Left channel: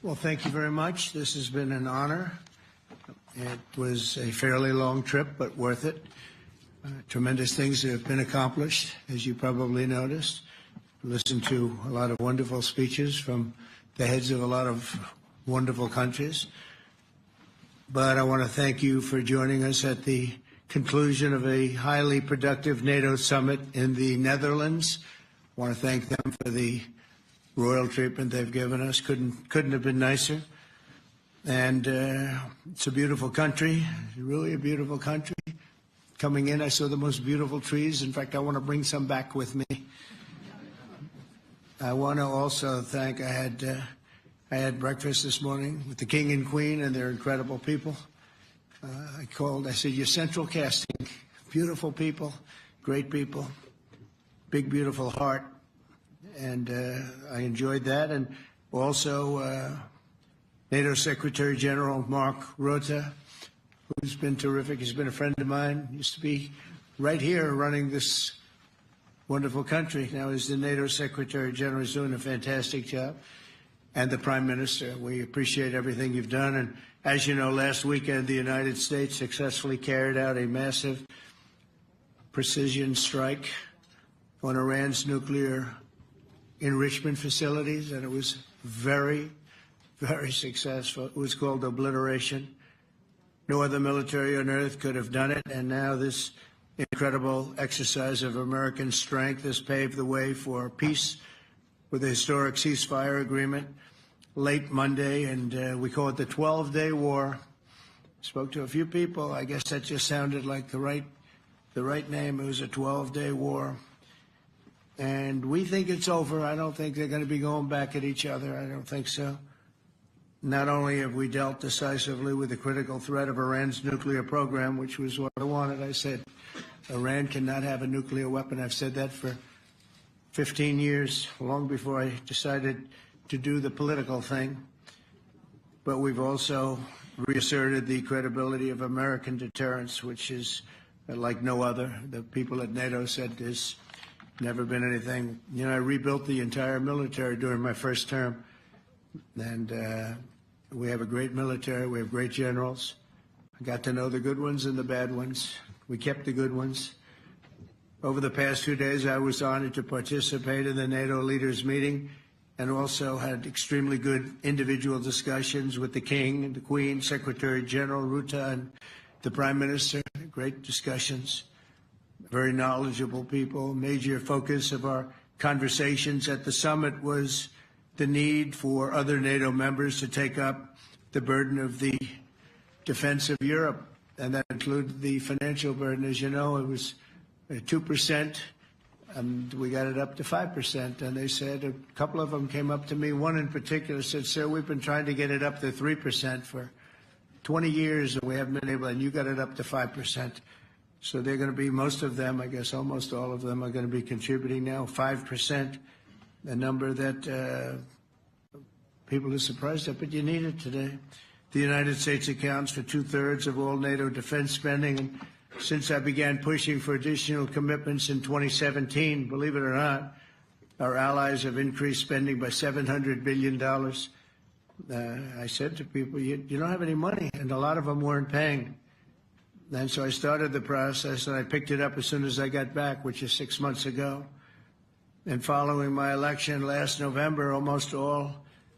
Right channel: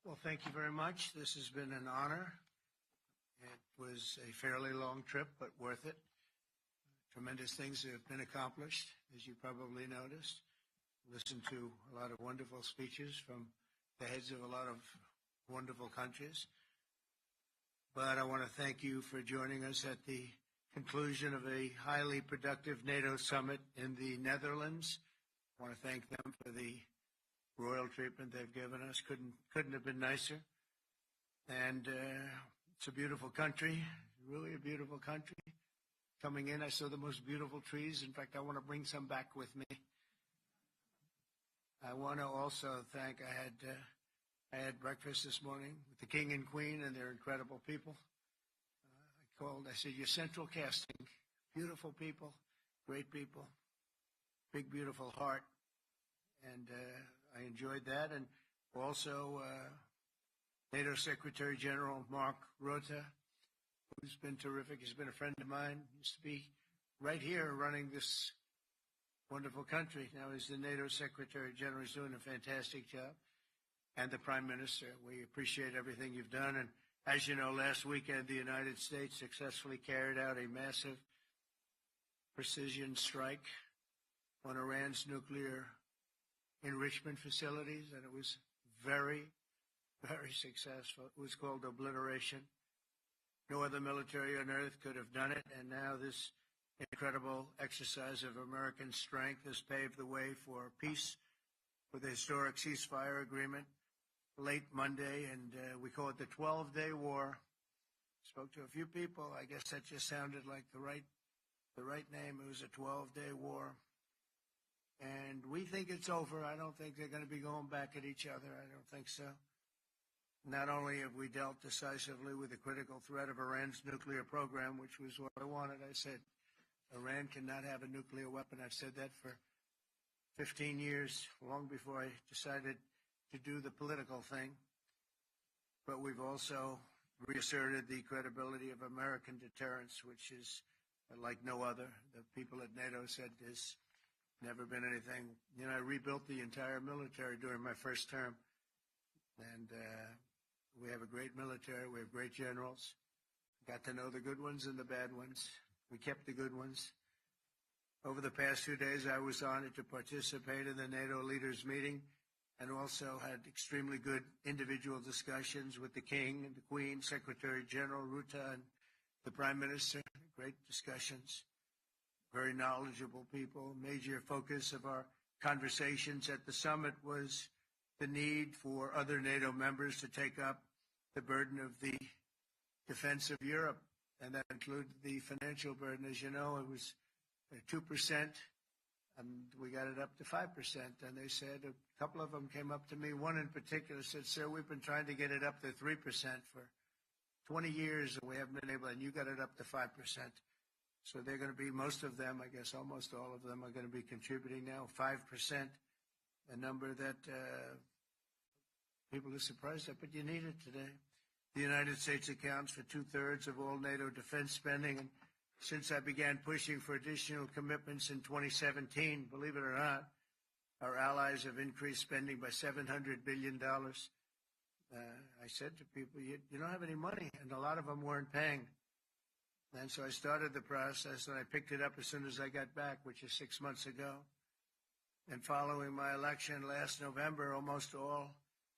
Well, thank you very much. This has been an honor. It was a fairly long trip, but worth it. Tremendous things have been accomplished, as you probably noticed. Listened to a lot of wonderful speeches from the heads of a lot of wonderful countries. But I want to thank you for joining us at the conclusion of a highly productive NATO summit in the Netherlands. I want to thank them for the royal treatment they've given us. Couldn't have been nicer. And it's a beautiful country, really a beautiful country. Coming in, I saw the most beautiful trees. In fact, I want to bring some back with me. I want to also thank, I had breakfast this morning with the King and Queen, and they're incredible people. I said, you're central casting. Beautiful people, great people, big, beautiful heart. And I enjoyed that. And also NATO Secretary General Mark Rutte, who's been terrific. He's been a friend of mine. Used to be right here running this wonderful country. Now he's the NATO Secretary General. He's doing a fantastic job. And the Prime Minister, we appreciate everything you've done. And as you know, last weekend, the United States successfully carried out a massive precision strike on Iran's nuclear enrichment facilities, and it was very, very successful. It was called obliteration. No other military on earth could have done it, and now this incredible exercise of American strength has paved the way for peace with a historic ceasefire agreement late Monday, and we call it the 12-day war. Spoke to a few people. I guess that just sounded like the right name. It was a 12-day war. And we think it's over. I don't think they're going to be going back at each other. I don't think so. Not only have we dealt decisively with the critical threat of Iran's nuclear program, which was what I wanted. I said, Iran cannot have a nuclear weapon. I've said that for 15 years, long before I decided to do the political thing. But we've also reasserted the credibility of American deterrence, which is like no other. The people at NATO said there's never been anything. You know, I rebuilt the entire military during my first term. And we have a great military. We have great generals. I got to know the good ones and the bad ones. We kept the good ones. Over the past 2 days, I was honored to participate in the NATO leaders meeting and also had extremely good individual discussions with the King and the Queen, Secretary General Rutte, and the Prime Minister. Great discussions. Very knowledgeable people. Major focus of our conversations at the summit was the need for other NATO members to take up the burden of the defense of Europe, and that included the financial burden. As you know, it was 2%, and we got it up to 5%. And they said, a couple of them came up to me, one in particular said, sir, we've been trying to get it up to 3% for 20 years, and we haven't been able, and you got it up to 5%. So they're going to be, most of them, I guess almost all of them, are going to be contributing now, 5%, a number that people are surprised at, but you need it today. The United States accounts for 2/3 of all NATO defense spending. And since I began pushing for additional commitments in 2017, believe it or not, our allies have increased spending by $700 billion. I said to people, you don't have any money, and a lot of them weren't paying. And so I started the process, and I picked it up as soon as I got back, which is 6 months ago. And following my election last November, almost all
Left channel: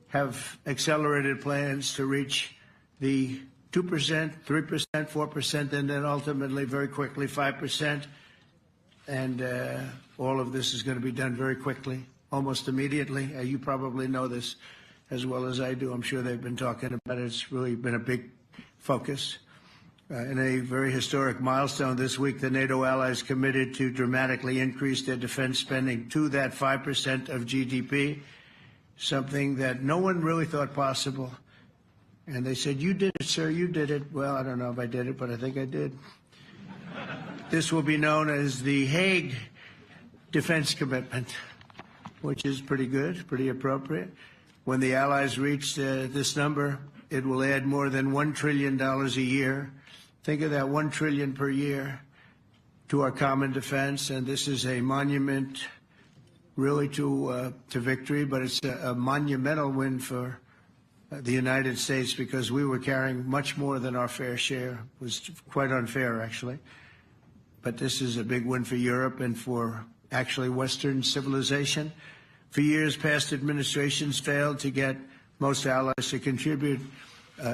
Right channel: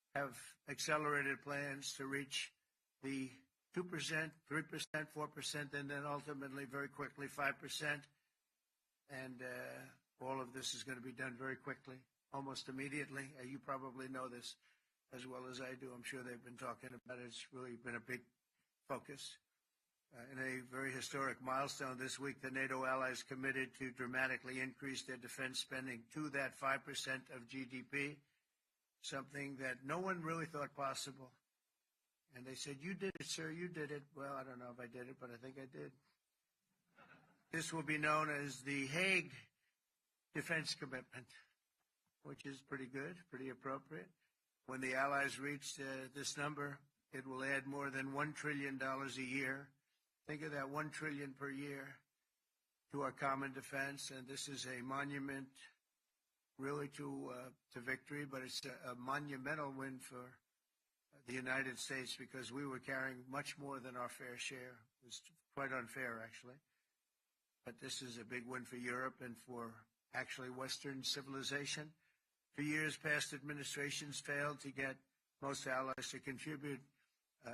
have accelerated plans to reach the 2%, 3%, 4%, and then ultimately, very quickly, 5%. And all of this is going to be done very quickly, almost immediately. You probably know this as well as I do. I'm sure they've been talking about it. It's really been a big focus. In a very historic milestone this week, the NATO allies committed to dramatically increase their defense spending to that 5% of GDP, something that no one really thought possible. And they said, you did it, sir, you did it. Well, I don't know if I did it, but I think I did. This will be known as the Hague defense commitment, which is pretty good, pretty appropriate. When the allies reach this number, it will add more than $1 trillion a year. Think of that, $1 trillion per year to our common defense. And this is a monument really to victory, but it's a monumental win for the United States, because we were carrying much more than our fair share. It was quite unfair, actually. But this is a big win for Europe and for actually Western civilization. For years, past administrations failed to get most allies to contribute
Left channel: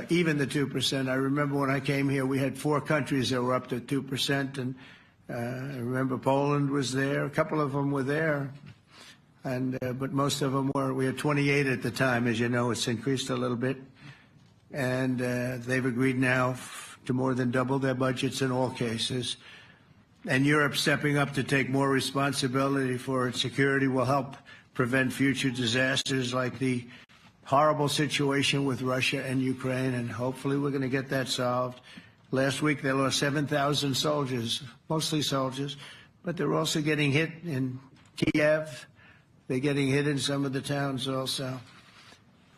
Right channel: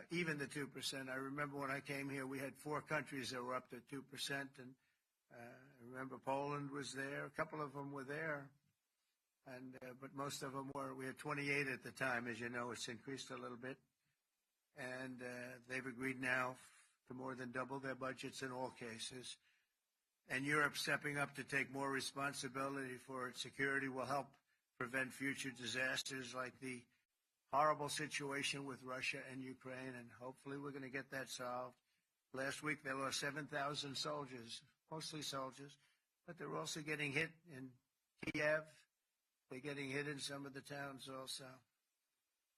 even the 2%. I remember when I came here, we had 4 countries that were up to 2%, and I remember Poland was there. A couple of them were there, and but most of them were. We had 28 at the time. As you know, it's increased a little bit, and they've agreed now to more than double their budgets in all cases. And Europe stepping up to take more responsibility for its security will help prevent future disasters like the horrible situation with Russia and Ukraine, and hopefully we're going to get that solved. Last week they lost 7,000 soldiers, mostly soldiers, but they're also getting hit in Kiev. They're getting hit in some of the towns also.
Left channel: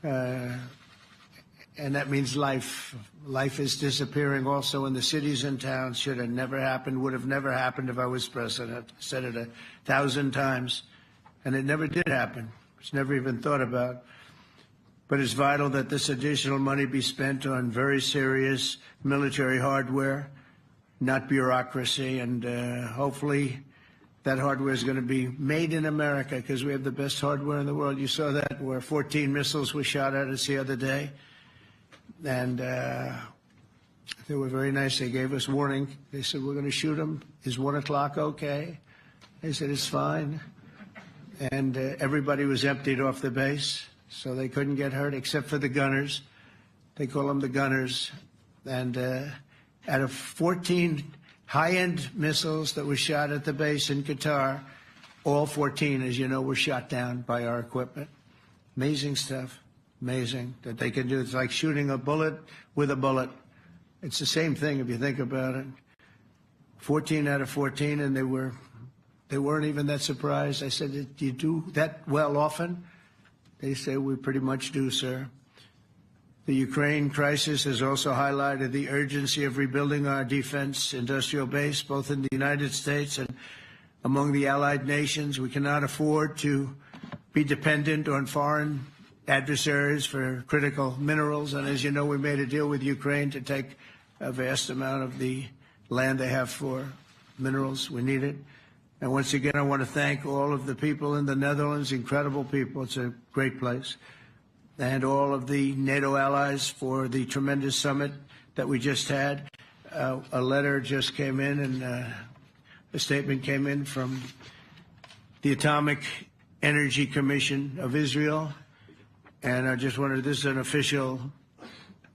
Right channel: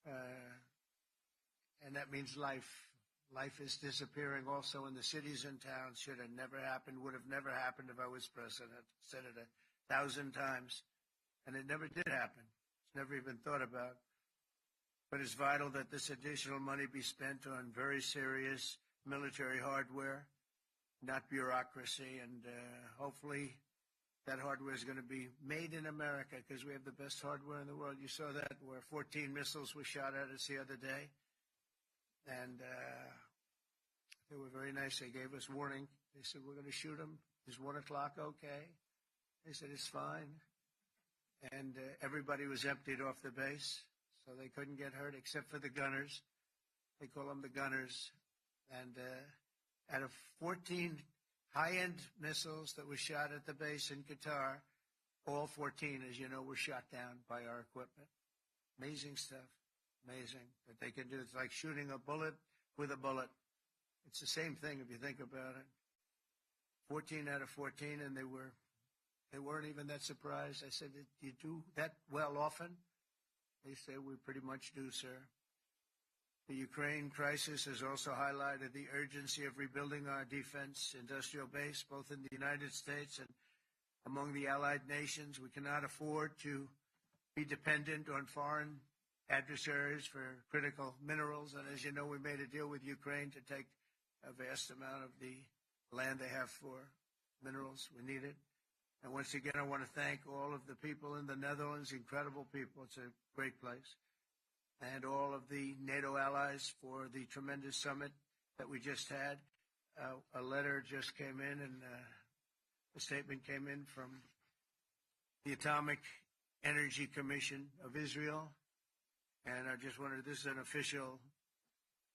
And that means life. Life is disappearing also in the cities and towns. Should have never happened, would have never happened if I was president. I said it 1,000 times, and it never did happen. It's never even thought about. But it's vital that this additional money be spent on very serious military hardware, not bureaucracy, and hopefully that hardware is going to be made in America, because we have the best hardware in the world. You saw that, where 14 missiles were shot at us the other day. And they were very nice. They gave us warning. They said, we're going to shoot them. Is 1 o'clock okay? They said, it's fine. And everybody was emptied off the base, so they couldn't get hurt except for the gunners. They call them the gunners. And out of 14 high-end missiles that were shot at the base in Qatar, all 14, as you know, were shot down by our equipment. Amazing stuff. Amazing that they can do. It's like shooting a bullet with a bullet. It's the same thing if you think about it. 14 out of 14, and they weren't even that surprised. I said, do you do that well often? They say, we pretty much do, sir. The Ukraine crisis has also highlighted the urgency of rebuilding our defense industrial base, both in the United States and among the allied nations. We cannot afford to be dependent on foreign adversaries for critical minerals. And as you know, we made a deal with Ukraine to take a vast amount of the land they have for minerals. We need it. And once again, I want to thank all of the people in the Netherlands, incredible people. It's a great place. And all of the NATO allies for the tremendous summit that we just had. A letter just came in, and a statement came in from the Atomic Energy Commission of Israel. And I just wanted, this is an official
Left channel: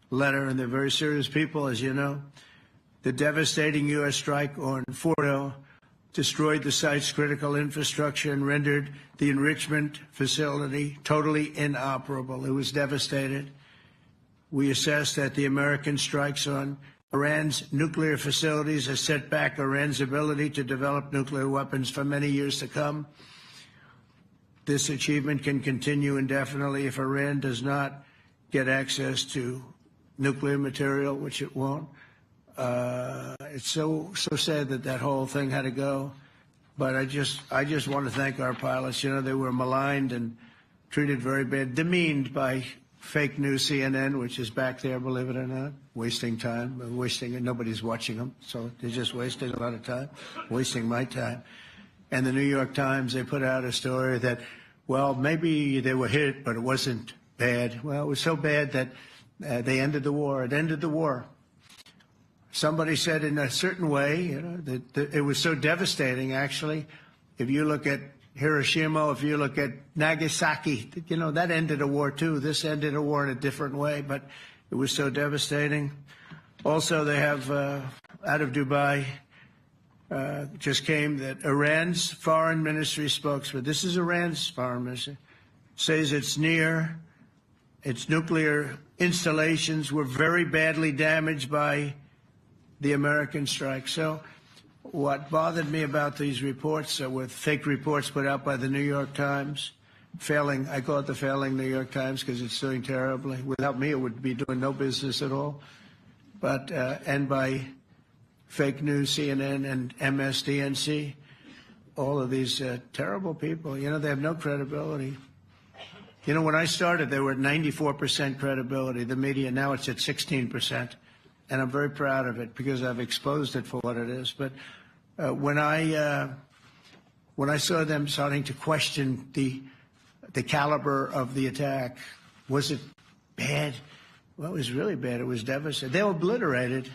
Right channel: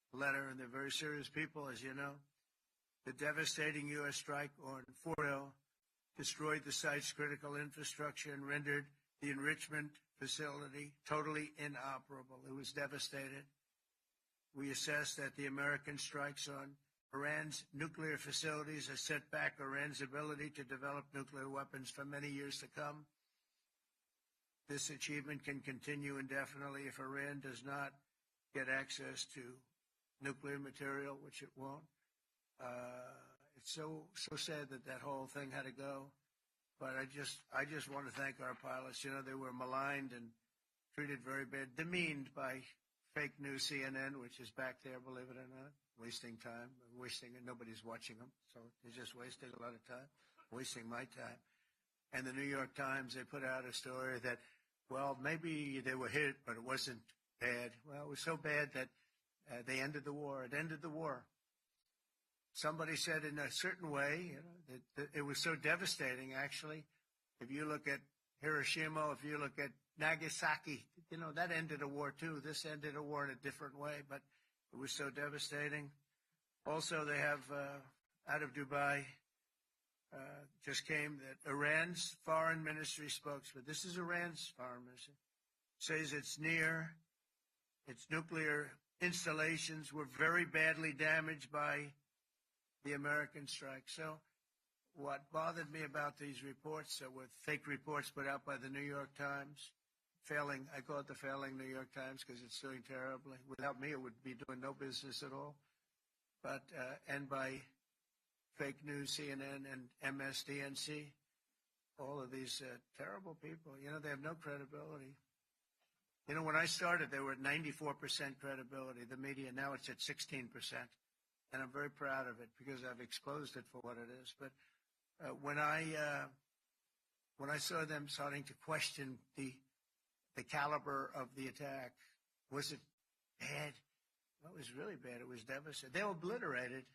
letter, and they're very serious people, as you know. The devastating U.S. strike on Fordo destroyed the site's critical infrastructure and rendered the enrichment facility totally inoperable. It was devastated. We assess that the American strikes on Iran's nuclear facilities has set back Iran's ability to develop nuclear weapons for many years to come. This achievement can continue indefinitely if Iran does not get access to nuclear material, which it won't. It's so sad that that whole thing had to go. But I just want to thank our pilots. You know, they were maligned and treated very bad, demeaned by fake news CNN, which is back there, believe it or not, wasting time, wasting it. Nobody's watching them, so they're just wasting a lot of time, wasting my time. And the New York Times, they put out a story that, well, maybe they were hit, but it wasn't bad. Well, it was so bad that they ended the war. It ended the war. Somebody said in a certain way, you know, that it was so devastating, actually. If you look at Hiroshima, if you look at Nagasaki, you know, that ended a war too. This ended a war in a different way, but it was so devastating. Also, they have, out of Dubai, just came that Iran's foreign ministry spokesman, this is Iran's foreign ministry, says its nuclear installations were very badly damaged by the American strike. So what bothered me about these reports with fake reports put out by the New York Times, failing, I call it the failing New York Times because it's doing terribly. Without me, it would be doing no business at all. But, and by fake news, CNN and MSDNC, all of these terrible people, you know, they have no credibility. You know, when I started, they were at 94% credibility, the media. Now it's at 16%. And I'm very proud of it because I've exposed it for what it is. But when I saw them starting to question the caliber of the attack, was it bad? Well, it was really bad. It was devastating. They were obliterated. In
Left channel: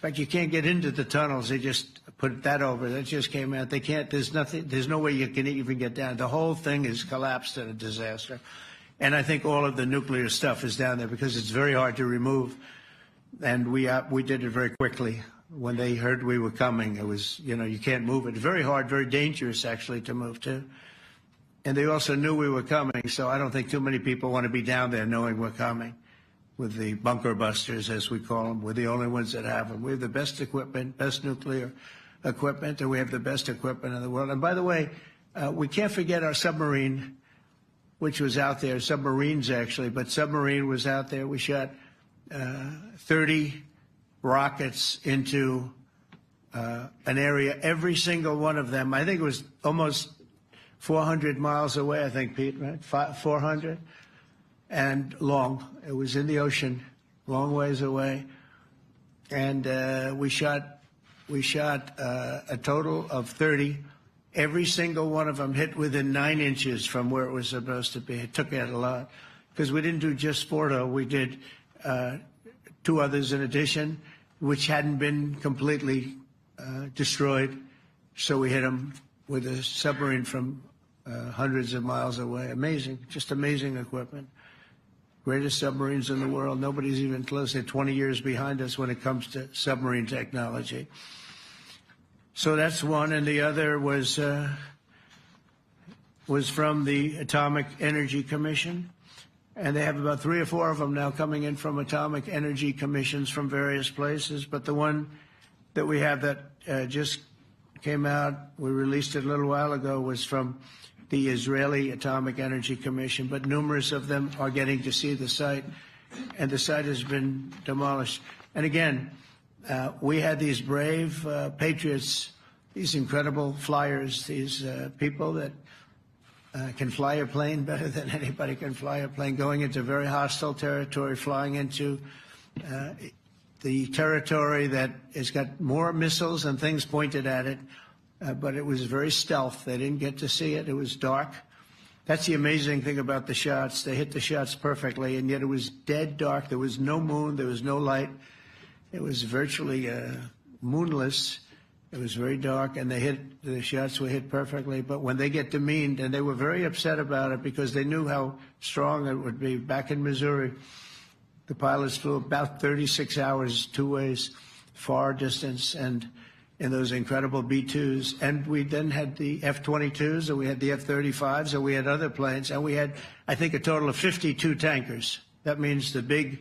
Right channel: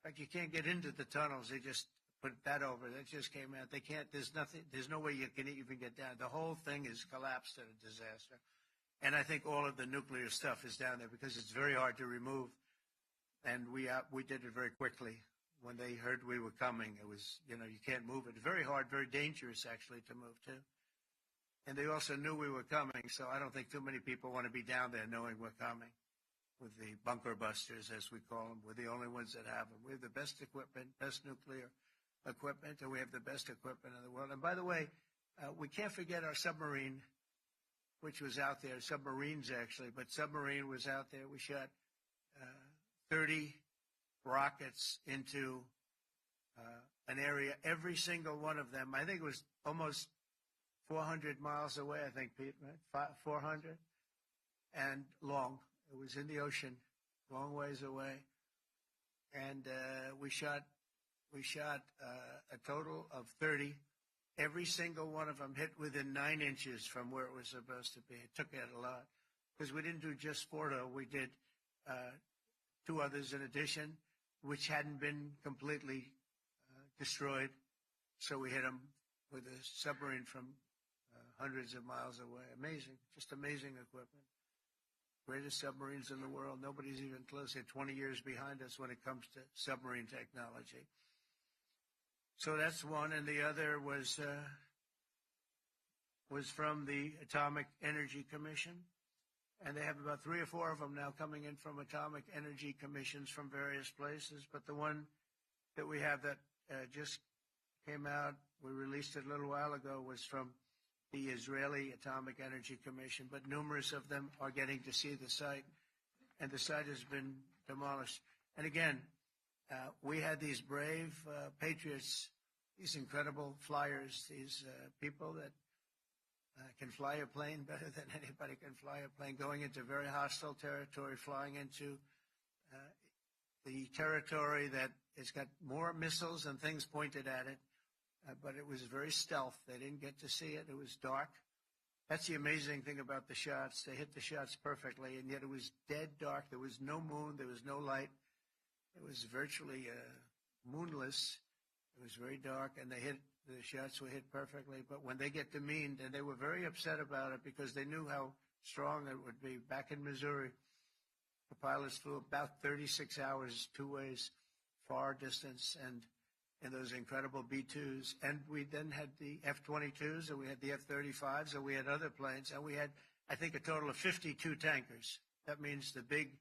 fact, you can't get into the tunnels. They just put that over. That just came out. They can't. There's nothing. There's no way you can even get down. The whole thing is collapsed in a disaster. And I think all of the nuclear stuff is down there because it's very hard to remove. And we did it very quickly. When they heard we were coming, it was, you know, you can't move it. Very hard, very dangerous, actually, to move to. And they also knew we were coming, so I don't think too many people want to be down there knowing we're coming. With the bunker busters, as we call them, we're the only ones that have them. We have the best equipment, best nuclear equipment, and we have the best equipment in the world. And by the way, we can't forget our submarine, which was out there, submarines actually, but submarine was out there. We shot 30 rockets into an area, every single one of them. I think it was almost 400 miles away, I think, Pete, right? 400? And long. It was in the ocean, long ways away. And we shot a total of 30. Every single one of them hit within 9 inches from where it was supposed to be. It took out a lot because we didn't do just Fordo. We did 2 others in addition, which hadn't been completely destroyed. So we hit them with a submarine from hundreds of miles away. Amazing, just amazing equipment. Greatest submarines in the world. Nobody's even close. They're 20 years behind us when it comes to submarine technology. So that's one, and the other was from the Atomic Energy Commission, and they have about 3 or 4 of them now coming in from Atomic Energy Commissions from various places. But the one that we have that just came out, we released it a little while ago, was from the Israeli Atomic Energy Commission, but numerous of them are getting to see the site, and the site has been demolished. And again, we had these brave patriots, these incredible flyers, these people that can fly a plane better than anybody can fly a plane, going into very hostile territory, flying into the territory that has got more missiles and things pointed at it. But it was very stealth. They didn't get to see it. It was dark. That's the amazing thing about the shots. They hit the shots perfectly, and yet it was dead dark. There was no moon. There was no light. It was virtually moonless. It was very dark, and the shots were hit perfectly. But when they get demeaned, and they were very upset about it because they knew how strong it would be. Back in Missouri, the pilots flew about 36 hours, 2 ways, far distance, and in those incredible B-2s. And we then had the F-22s, and we had the F-35s, and we had other planes, and we had, I think, a total of 52 tankers. That means the big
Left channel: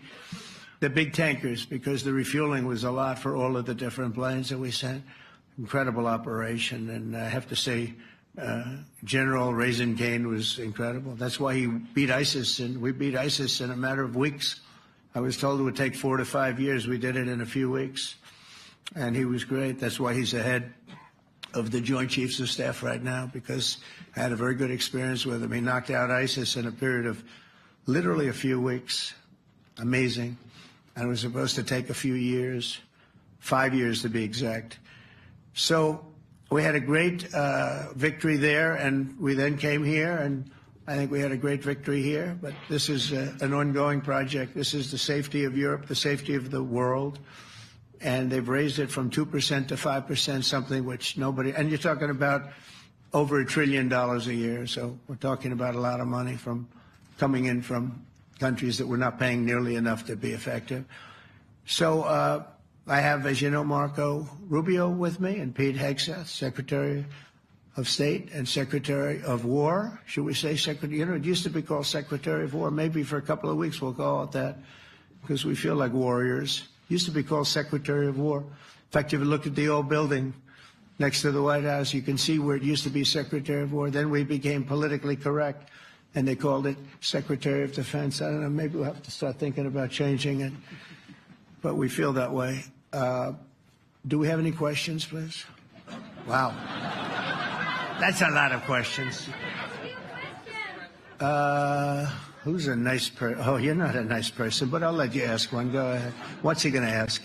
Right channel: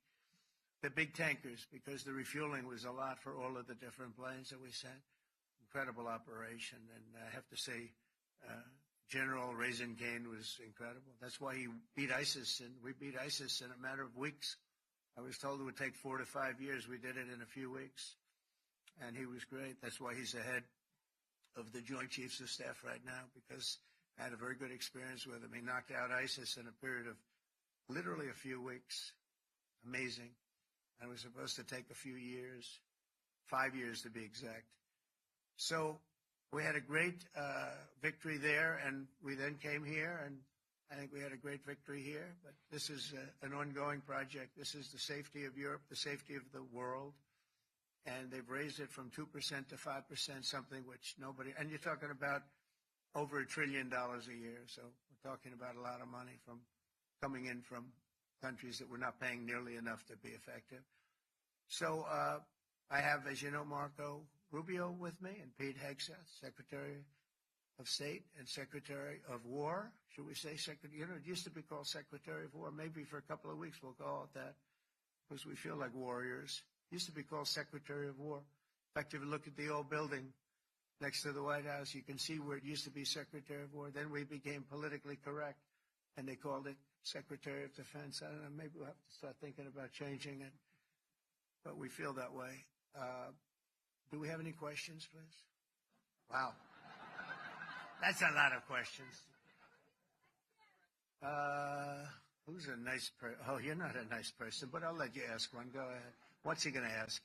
tankers, because the refueling was a lot for all of the different planes that we sent. Incredible operation, and I have to say, General Raisin Kane was incredible. That's why he beat ISIS, and we beat ISIS in a matter of weeks. I was told it would take 4 to 5 years. We did it in a few weeks. And he was great. That's why he's the head of the Joint Chiefs of Staff right now, because I had a very good experience with him. He knocked out ISIS in a period of literally a few weeks. Amazing. And it was supposed to take a few years, 5 years to be exact. So we had a great victory there, and we then came here, and I think we had a great victory here. But this is an ongoing project. This is the safety of Europe, the safety of the world. And they've raised it from 2% to 5%, something which nobody, and you're talking about over $1 trillion a year. So we're talking about a lot of money coming in from countries that we're not paying nearly enough to be effective. So I have, as you know, Marco Rubio with me, and Pete Hegseth, Secretary of State and Secretary of War. Should we say Secretary? You know, it used to be called Secretary of War. Maybe for a couple of weeks we'll call it that, because we feel like warriors. Used to be called Secretary of War. In fact, if you look at the old building next to the White House, you can see where it used to be Secretary of War. Then we became politically correct, and they called it Secretary of Defense. I don't know, maybe we'll have to start thinking about changing it, but we feel that way. Do we have any questions, please? Wow. That's a lot of questions. Who's a nice person? Oh, you're not a nice person, but I'll let you ask one. Go ahead. What's he going to ask?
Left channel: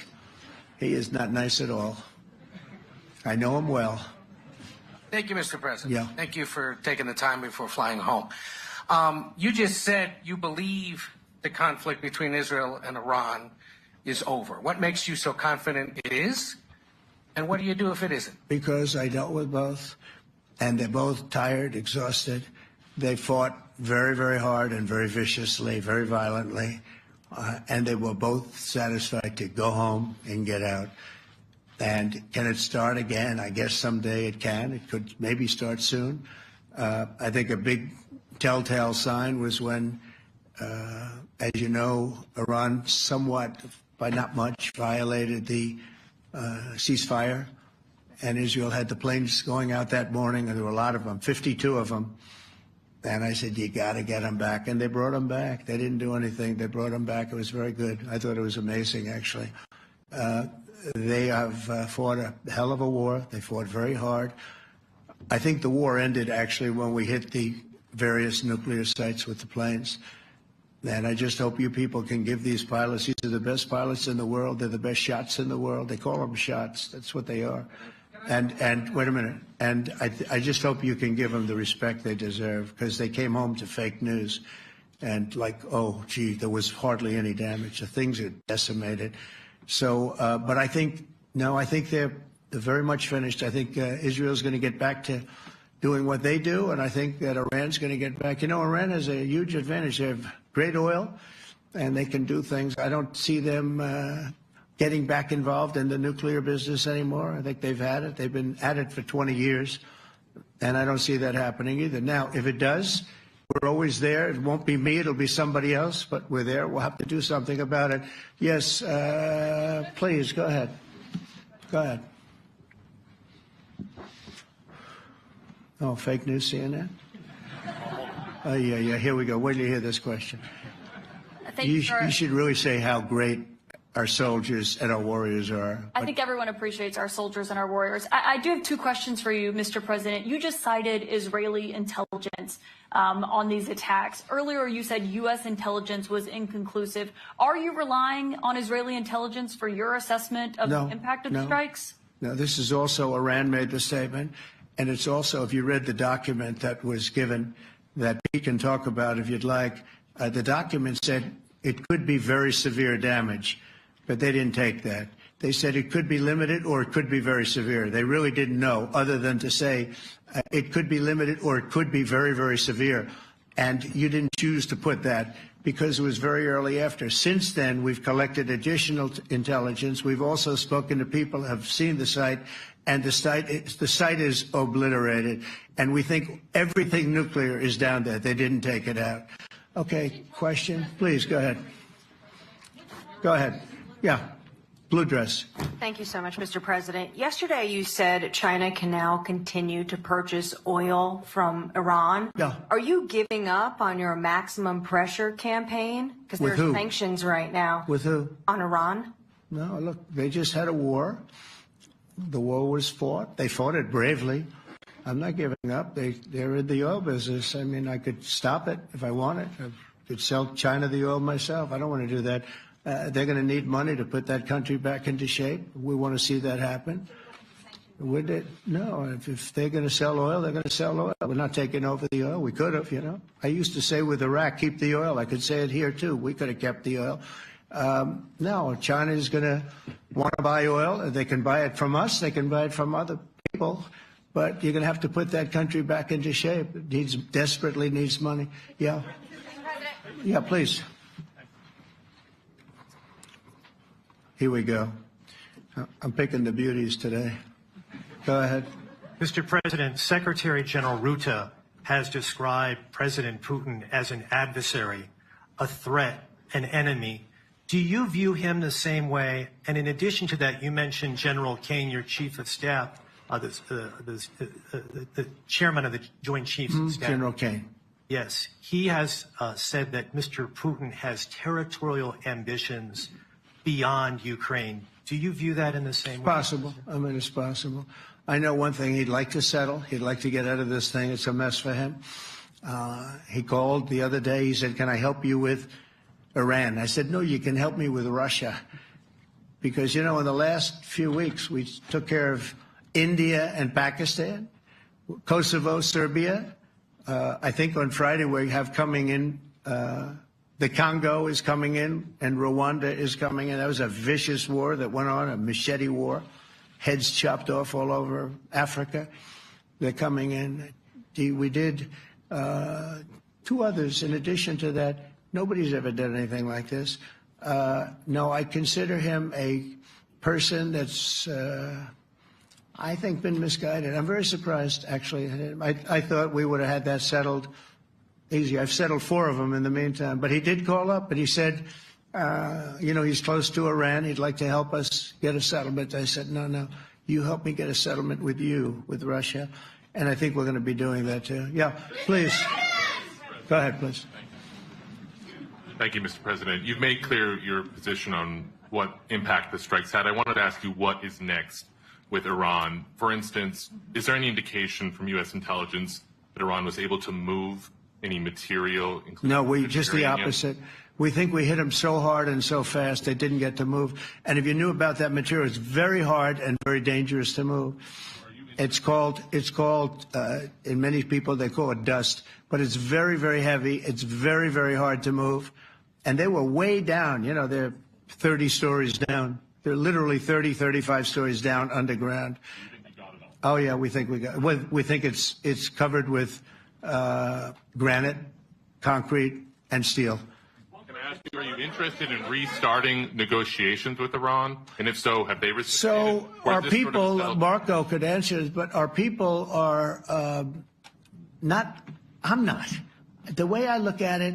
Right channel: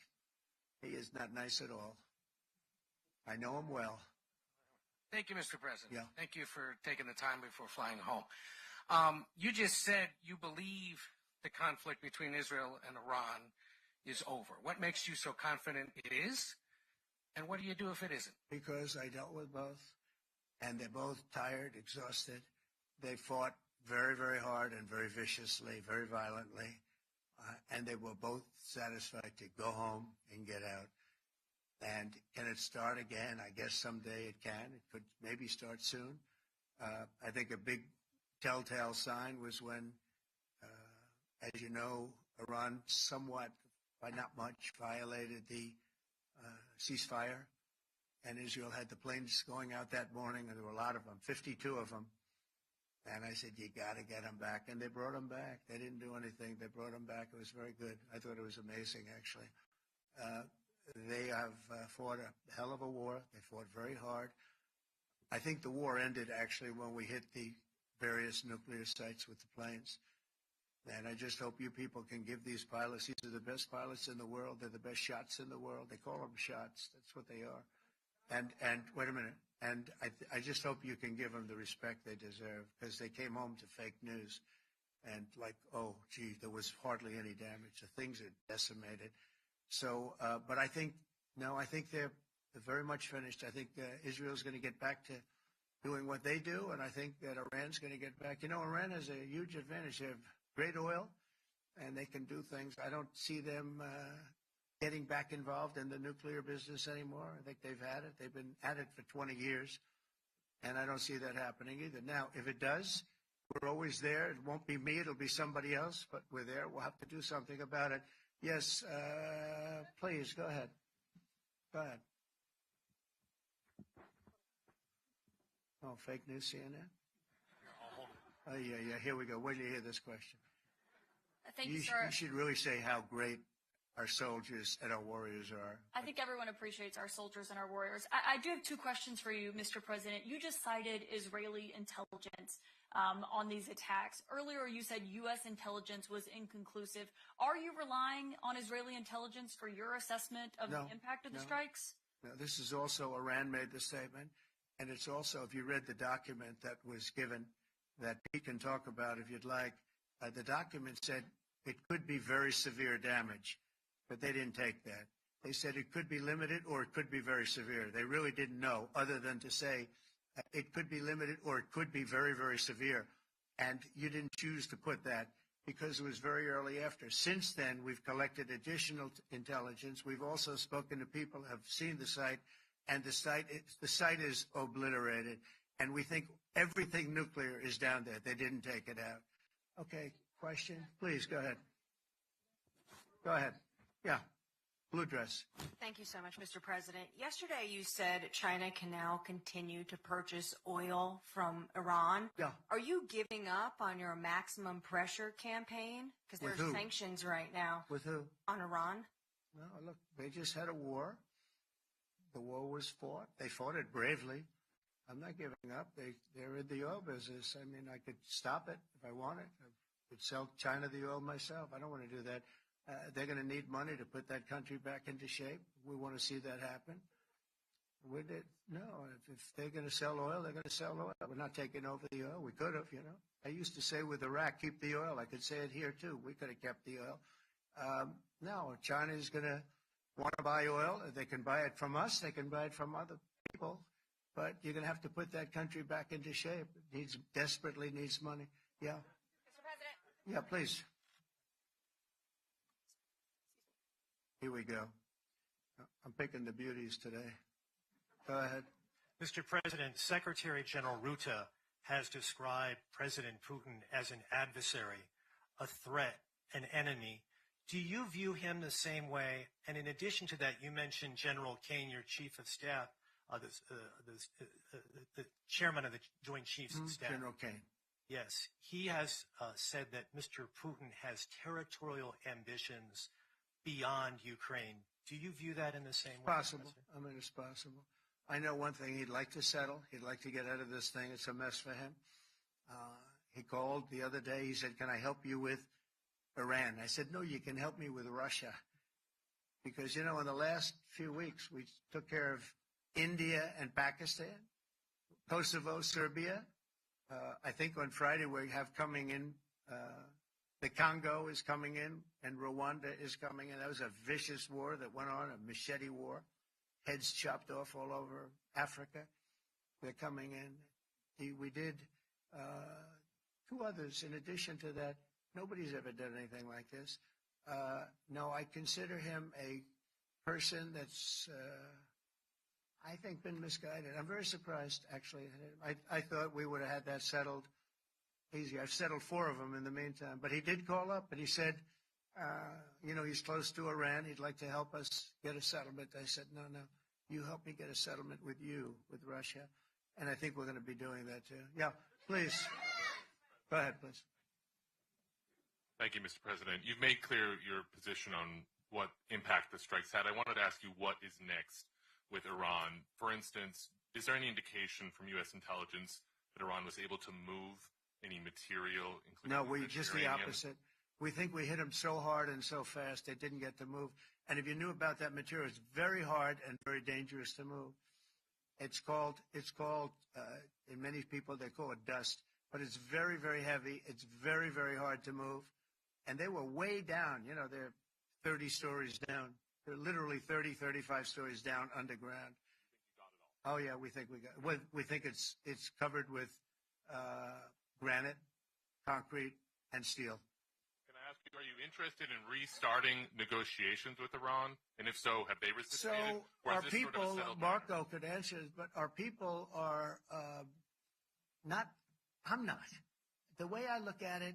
He is not nice at all. I know him well. Thank you, Mr. President. Yeah. Thank you for taking the time before flying home. You just said you believe the conflict between Israel and Iran is over. What makes you so confident it is? And what do you do if it isn't? Because I dealt with both, and they're both tired, exhausted. They fought very, very hard and very viciously, very violently, and they were both satisfied to go home and get out. And can it start again? I guess someday it can. It could maybe start soon. I think a big telltale sign was when, as you know, Iran somewhat, by not much, violated the ceasefire, and Israel had the planes going out that morning, and there were a lot of them, 52 of them. And I said, you got to get them back. And they brought them back. They didn't do anything. They brought them back. It was very good. I thought it was amazing, actually. They have fought a hell of a war. They fought very hard. I think the war ended, actually, when we hit the various nuclear sites with the planes. And I just hope you people can give these pilots, these are the best pilots in the world. They're the best shots in the world. They call them shots. That's what they are. And wait a minute. And I just hope you can give them the respect they deserve, because they came home to fake news. And like, oh, gee, there was hardly any damage. The things are decimated. So, but I think, no, I think they're very much finished. I think Israel's going to get back to doing what they do. And I think that Iran's going to get back. You know, Iran has a huge advantage. They have great oil, and they can do things. I don't see them getting back involved in the nuclear business anymore. I think they've had it. They've been at it for 20 years, and I don't see that happening either. Now, if it does, we're always there. It won't be me. It'll be somebody else, but we're there. We'll have to do something about it. Yes, please, go ahead. Go ahead. Oh, fake news, CNN? Oh, yeah, here we go. Wait till you hear this question. You should really say how great our soldiers and our warriors are. I think everyone appreciates our soldiers and our warriors. I do have two questions for you, Mr. President. You just cited Israeli intelligence on these attacks. Earlier, you said U.S. intelligence was inconclusive. Are you relying on Israeli intelligence for your assessment of the impact of the strikes? No, this is also Iran made the statement. And it's also, if you read the document that was given that Pete can talk about if you'd like, the document said it could be very severe damage. But they didn't take that. They said it could be limited or it could be very severe. They really didn't know, other than to say it could be limited or it could be very, very severe. And you didn't choose to put that because it was very early after. Since then, we've collected additional intelligence. We've also spoken to people who have seen the site, and the site is obliterated. And we think everything nuclear is down there. They didn't take it out. Okay, question? Please, go ahead. Go ahead. Yeah, blue dress. Thank you so much, Mr. President. Yesterday, you said China can now continue to purchase oil from Iran. Yeah. Are you giving up on your maximum pressure campaign? Because there's sanctions right now. With who? On Iran. No, look, they just had a war. The war was fought. They fought it bravely. I'm not giving up. They're in the oil business. I mean, I could stop it if I wanted. I could sell China the oil myself. I don't want to do that. They're going to need money to put that country back into shape. We want to see that happen. Would it? No, if they're going to sell oil, they're going to sell oil. We're not taking over the oil. We could have, you know. I used to say with Iraq, keep the oil. I could say it here, too. We could have kept the oil. No, China is going to want to buy oil. They can buy it from us. They can buy it from other people. But you're going to have to put that country back into shape. It desperately needs money. Yeah. Yeah, please. Here we go. I'm picking the beauties today. Go ahead. Mr. President, Secretary General Rutte has described President Putin as an adversary, a threat, an enemy. Do you view him the same way? And in addition to that, you mentioned General Kane, your chief of staff, the chairman of the Joint Chiefs of Staff. General Kane. Yes. He has said that Mr. Putin has territorial ambitions beyond Ukraine. Do you view that in the same way? Possible. I mean, it's possible. I know one thing. He'd like to settle. He'd like to get out of this thing. It's a mess for him. He called the other day. He said, "Can I help you with Iran?" I said, "No, you can help me with Russia." Because, in the last few weeks, we took care of India and Pakistan, Kosovo, Serbia. I think on Friday we have coming in, the Congo is coming in, and Rwanda is coming in. That was a vicious war that went on, a machete war, heads chopped off all over Africa. They're coming in. We did 2 others in addition to that. Nobody's ever done anything like this. No, I consider him a person that's, I think, been misguided. I'm very surprised, actually. I thought we would have had that settled easy. I've settled 4 of them in the meantime. But he did call up, and he said, he's close to Iran. He'd like to help us get a settlement. I said, no, you help me get a settlement with Russia. And I think we're going to be doing that, too. Yeah, please. Go ahead, please. Thank you, Mr. President. You've made clear your position on what impact the strikes had. I wanted to ask you what is next with Iran. For instance, is there any indication from U.S. intelligence that Iran was able to move any material? No, just the opposite. We think we hit them so hard and so fast they didn't get to move. And if you knew about that material, it's very hard and very dangerous to move. It's called, in many people, they call it dust, but it's very, very heavy. It's very, very hard to move. And they were way down. They're 30 stories down. They're literally 30, 35 stories down underground. Oh, yeah, we think we think it's covered with granite, concrete, and steel. Can I ask you, are you interested in restarting negotiations with Iran? And if so, have they received? So our people, Marco could answer this, but our people are not, I'm not. The way I look at it,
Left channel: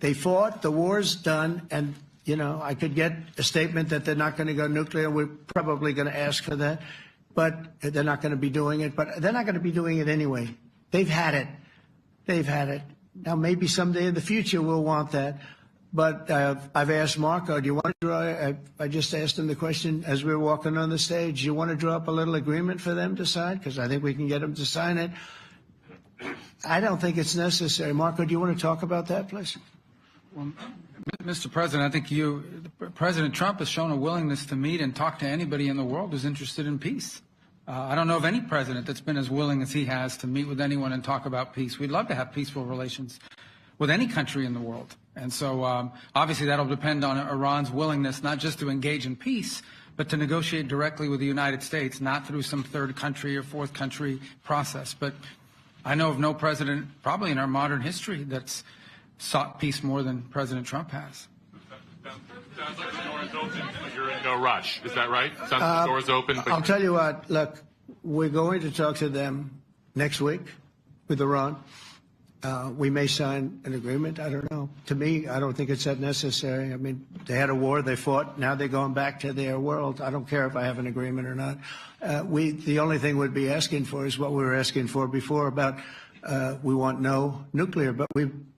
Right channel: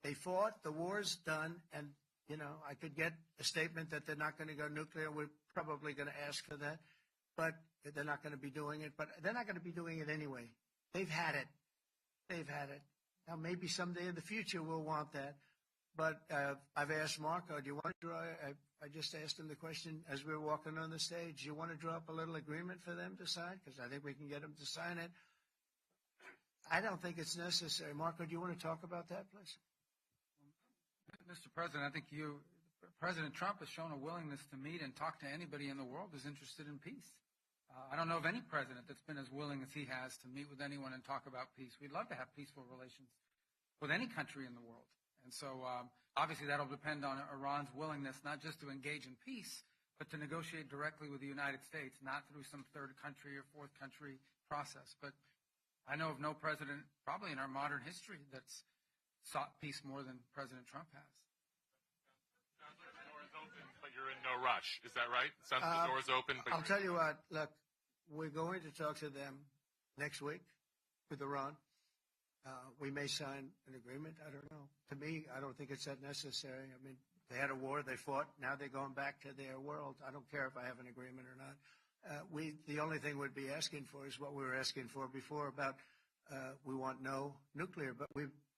they fought, the war's done, and, I could get a statement that they're not going to go nuclear. We're probably going to ask for that, but they're not going to be doing it. But they're not going to be doing it anyway. They've had it. They've had it. Now, maybe someday in the future we'll want that. But I've asked Marco, do you want to draw, I just asked him the question as we were walking on the stage, do you want to draw up a little agreement for them to sign? Because I think we can get them to sign it. I don't think it's necessary. Marco, do you want to talk about that, please? Well, Mr. President, I think President Trump has shown a willingness to meet and talk to anybody in the world who's interested in peace. I don't know of any president that's been as willing as he has to meet with anyone and talk about peace. We'd love to have peaceful relations with any country in the world. And so obviously that'll depend on Iran's willingness not just to engage in peace, but to negotiate directly with the United States, not through some third country or fourth country process. But I know of no president, probably in our modern history, that's sought peace more than President Trump has. Sounds like the door is open, but you're in no rush. Is that right? Sounds like the door is open. I'll tell you what, look, we're going to talk to them next week with Iran. We may sign an agreement. I don't know. To me, I don't think it's that necessary. I mean, they had a war, they fought. Now they're going back to their world. I don't care if I have an agreement or not. The only thing we'd be asking for is what we were asking for before about we want no nuclear, but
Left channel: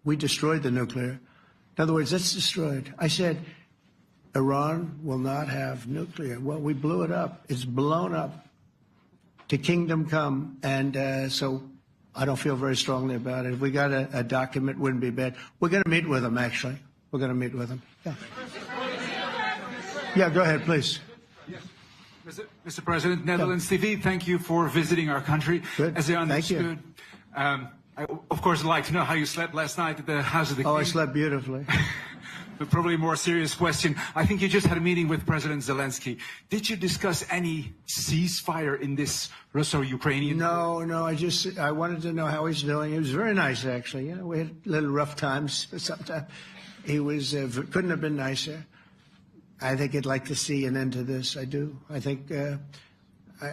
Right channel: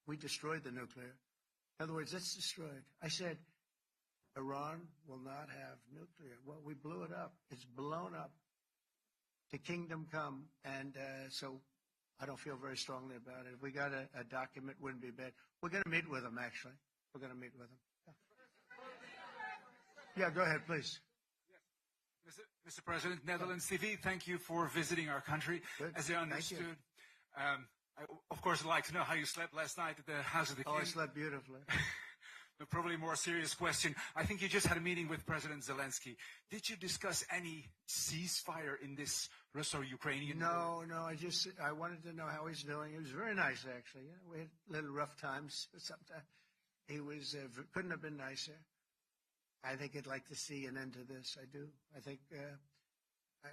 we destroyed the nuclear. In other words, it's destroyed. I said Iran will not have nuclear. Well, we blew it up. It's blown up to kingdom come. And so I don't feel very strongly about it. If we got a document, it wouldn't be bad. We're going to meet with them, actually. We're going to meet with them. Yeah. Yeah, go ahead, please. Yes. Mr. President, Netherlands TV, thank you for visiting our country. Good. As I understood, Thank you. I, of course, would like to know how you slept last night at the House of the King. Oh, I slept beautifully. But probably a more serious question. I think you just had a meeting with President Zelensky. Did you discuss any ceasefire in this Russo-Ukrainian? No. I wanted to know how he's doing. He was very nice, actually. You know, we had little rough times, but sometimes he was couldn't have been nicer. I think he'd like to see an end to this. I do. I think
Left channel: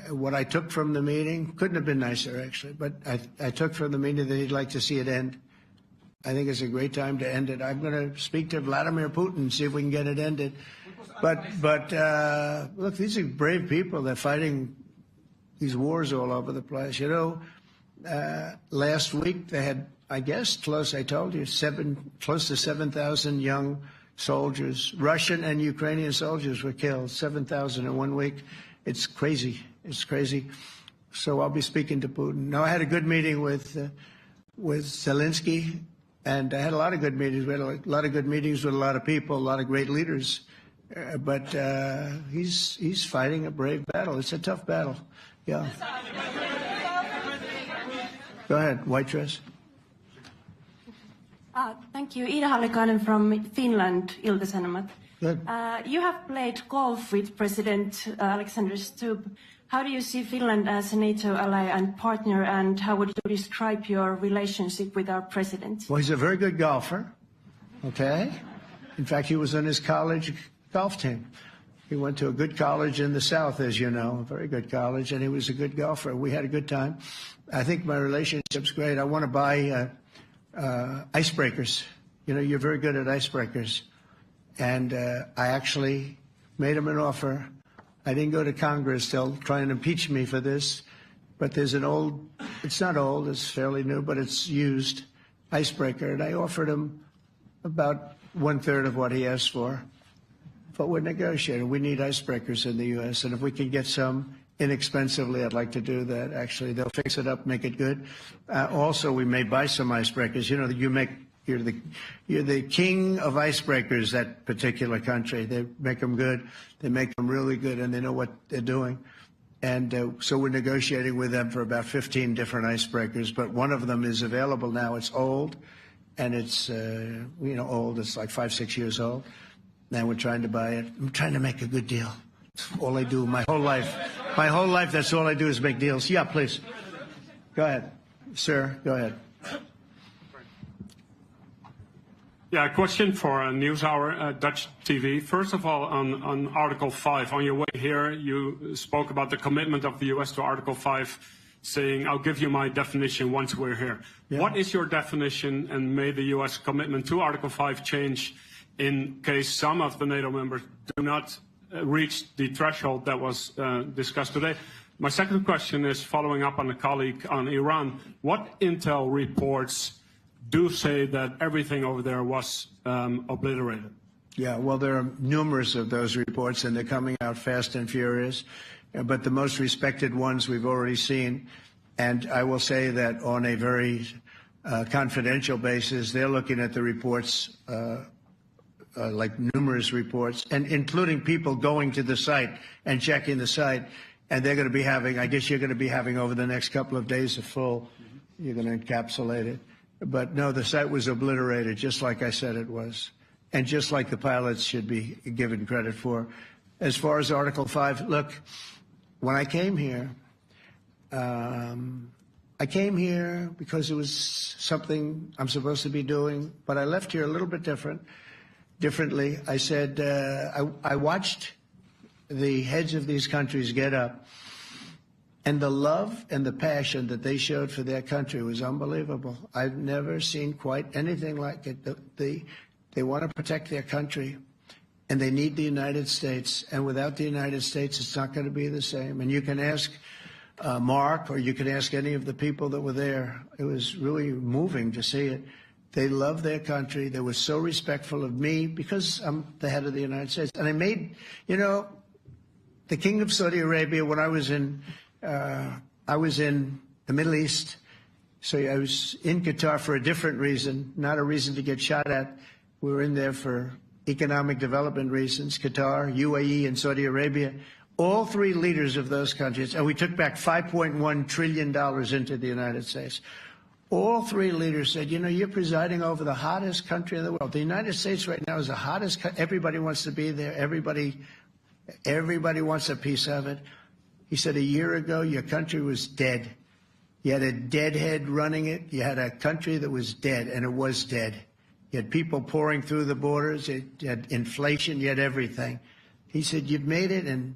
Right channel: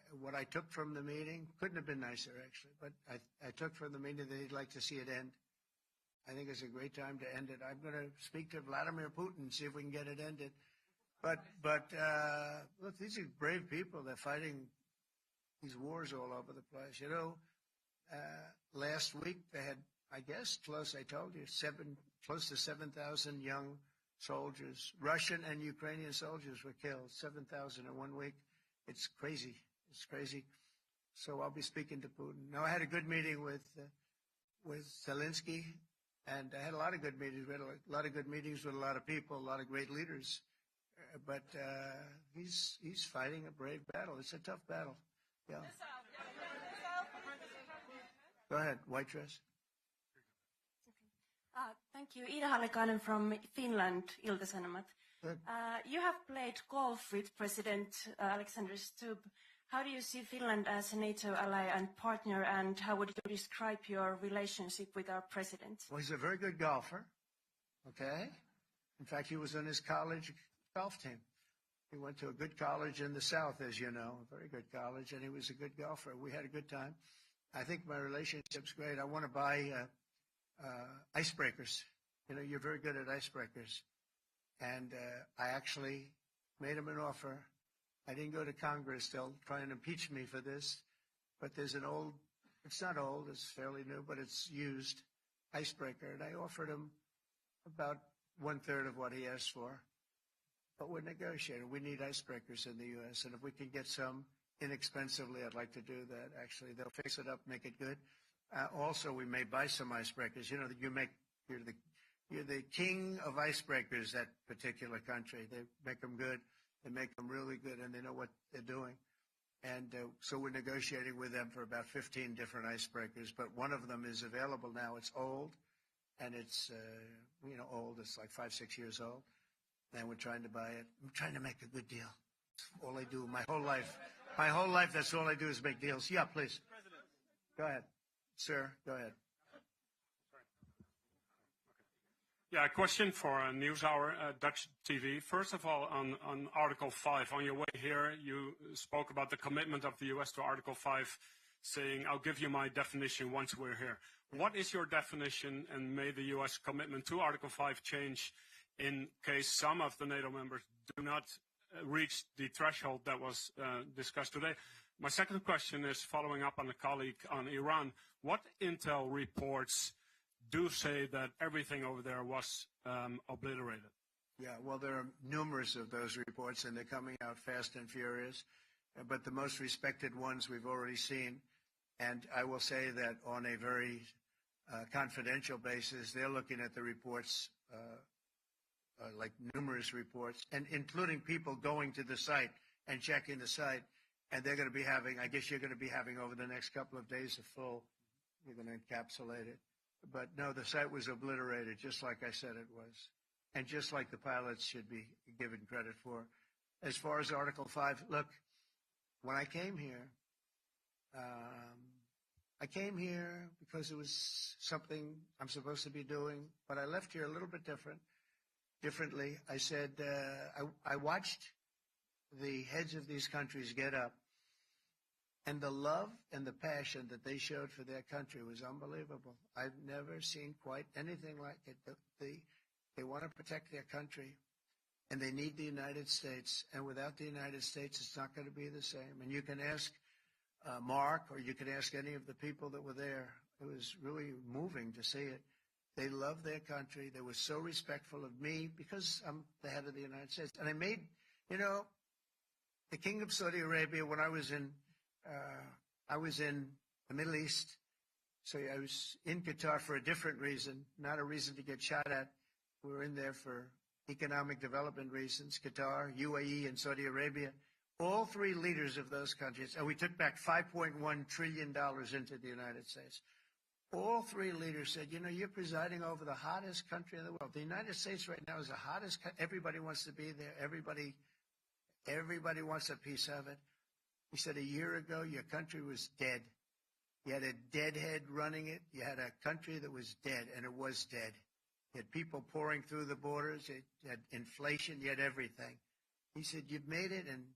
what I took from the meeting couldn't have been nicer, actually. But I took from the meeting that he'd like to see it end. I think it's a great time to end it. I'm going to speak to Vladimir Putin and see if we can get it ended. But look, these are brave people. They're fighting these wars all over the place. You know, last week they had, I guess, I told you, close to 7,000 young soldiers, Russian and Ukrainian soldiers were killed, 7,000 in 1 week. It's crazy. It's crazy. So I'll be speaking to Putin. No, I had a good meeting with with Zelensky, and I had a lot of good meetings. We had a lot of good meetings with a lot of people, a lot of great leaders. But he's fighting a brave battle. It's a tough battle. Yeah. Go ahead, white dress. Thank you. Ida Hallikainen from Finland, Ilta-Sanomat. Good. You have played golf with President Alexander Stubb. How do you see Finland as a NATO ally and partner, and how would you describe your relationship with our president? Well, he's a very good golfer, okay? In fact, he was on his college golf team. He went to a good college in the South, as you know, a very good college, and he was a good golfer. We had a good time. I think my relationship's great. I want to buy icebreakers. You know, you're very good at icebreakers. And I actually made him an offer. I didn't go to Congress. They'll try and impeach me for this. But there's an old, it's not old, it's fairly new, but it's used icebreaker. And I offered him about 1/3 of what he asked for. But we're negotiating. We need icebreakers in the U.S. And if we can get some inexpensively, I'd like to do that. Actually, they'll fix it up, make it good. Also, we may buy some icebreakers. You know, you're the king of icebreakers, that particular country. They make them good. They make them really good, and they know what they're doing. And so we're negotiating with them for about 15 different icebreakers. But one of them is available now. It's old, and it's, old. It's like 5-6 years old. Now we're trying to buy it. I'm trying to make a good deal. That's all I do my whole life. My whole life, that's all I do is make deals. Yeah, please. Go ahead. Sir, go ahead. Yeah, a question for NewsHour, Dutch TV. First of all, on Article 5, on your way here, you spoke about the commitment of the U.S. to Article 5, saying, I'll give you my definition once we're here. Yeah. What is your definition, and may the U.S. commitment to Article 5 change in case some of the NATO members do not reach the threshold that was discussed today? My second question is following up on a colleague on Iran. What intel reports do say that everything over there was obliterated? Yeah, well, there are numerous of those reports, and they're coming out fast and furious. But the most respected ones we've already seen. And I will say that on a very confidential basis, they're looking at the reports, like numerous reports, and including people going to the site and checking the site. And they're going to be having, I guess you're going to be having over the next couple of days a full, you're going to encapsulate it. But no, the site was obliterated, just like I said it was, and just like the pilots should be given credit for. As far as Article 5, look, when I came here because it was something I'm supposed to be doing, but I left here a little bit differently. I said, I watched the heads of these countries get up, and the love and the passion that they showed for their country was unbelievable. I've never seen quite anything like it. They want to protect their country, and they need the United States. And without the United States, it's not going to be the same. And you can ask Mark, or you can ask any of the people that were there. It was really moving to see it. They love their country. They were so respectful of me because I'm the head of the United States. And I made, the King of Saudi Arabia, when I was in the Middle East, so I was in Qatar for a different reason, not a reason to get shot at. We were in there for economic development reasons, Qatar, UAE, and Saudi Arabia. All three leaders of those countries, and we took back $5.1 trillion into the United States. All three leaders said, you're presiding over the hottest country in the world. The United States right now is the hottest country. Everybody wants to be there. Everybody wants a piece of it. He said, a year ago, your country was dead. You had a deadhead running it. You had a country that was dead, and it was dead. You had people pouring through the borders. You had inflation. You had everything. He said, you've made it in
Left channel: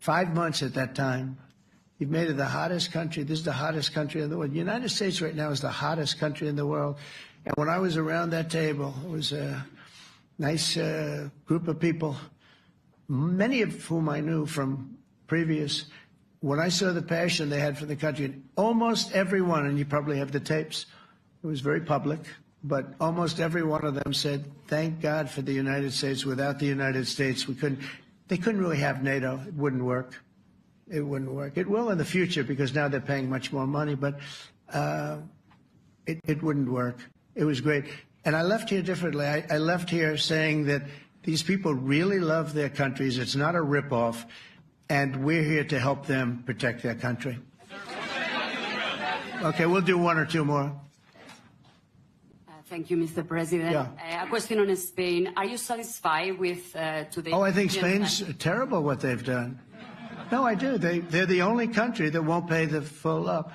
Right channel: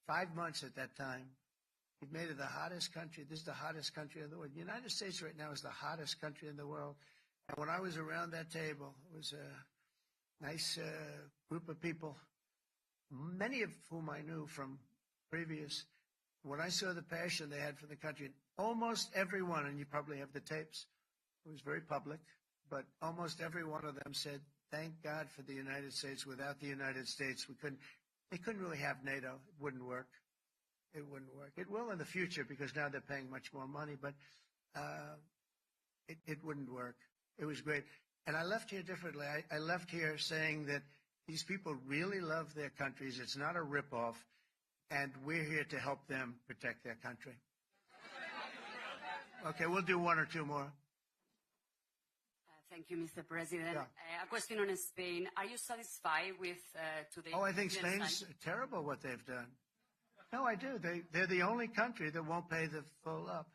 5 months at that time. You've made it the hottest country. This is the hottest country in the world. The United States right now is the hottest country in the world. And when I was around that table, it was a nice group of people, many of whom I knew from previous. When I saw the passion they had for the country, almost everyone, and you probably have the tapes, it was very public, but almost every one of them said, thank God for the United States. Without the United States, they couldn't really have NATO. It wouldn't work. It wouldn't work. It will in the future because now they're paying much more money. But It wouldn't work. It was great. And I left here differently. I left here saying that these people really love their countries. It's not a ripoff. And we're here to help them protect their country. Okay, we'll do one or two more. Thank you, Mr. President. Yeah. A question on Spain. Are you satisfied with today? Oh, I think Spain's terrible what they've done. No, I do. They're the only country that won't pay the full up.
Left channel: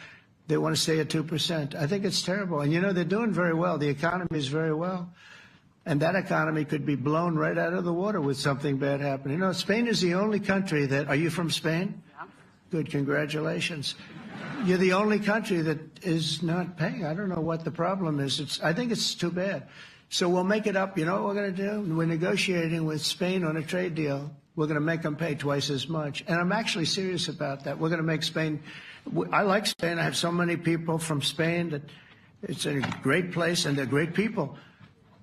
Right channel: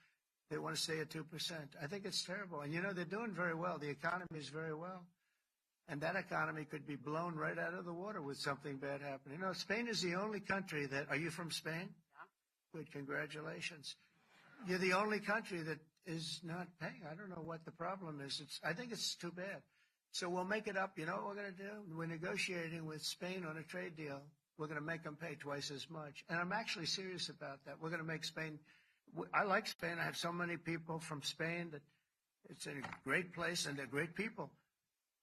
They want to stay at 2%. I think it's terrible. And, you know, they're doing very well. The economy is very well. And that economy could be blown right out of the water with something bad happening. You know, Spain is the only country that... Are you from Spain? Yeah. Good. Congratulations. You're the only country that is not paying. I don't know what the problem is. I think it's too bad. So we'll make it up. You know what we're going to do? We're negotiating with Spain on a trade deal. We're going to make them pay twice as much. And I'm actually serious about that. We're going to make Spain... I like Spain. I have so many people from Spain that it's a great place and they're great people.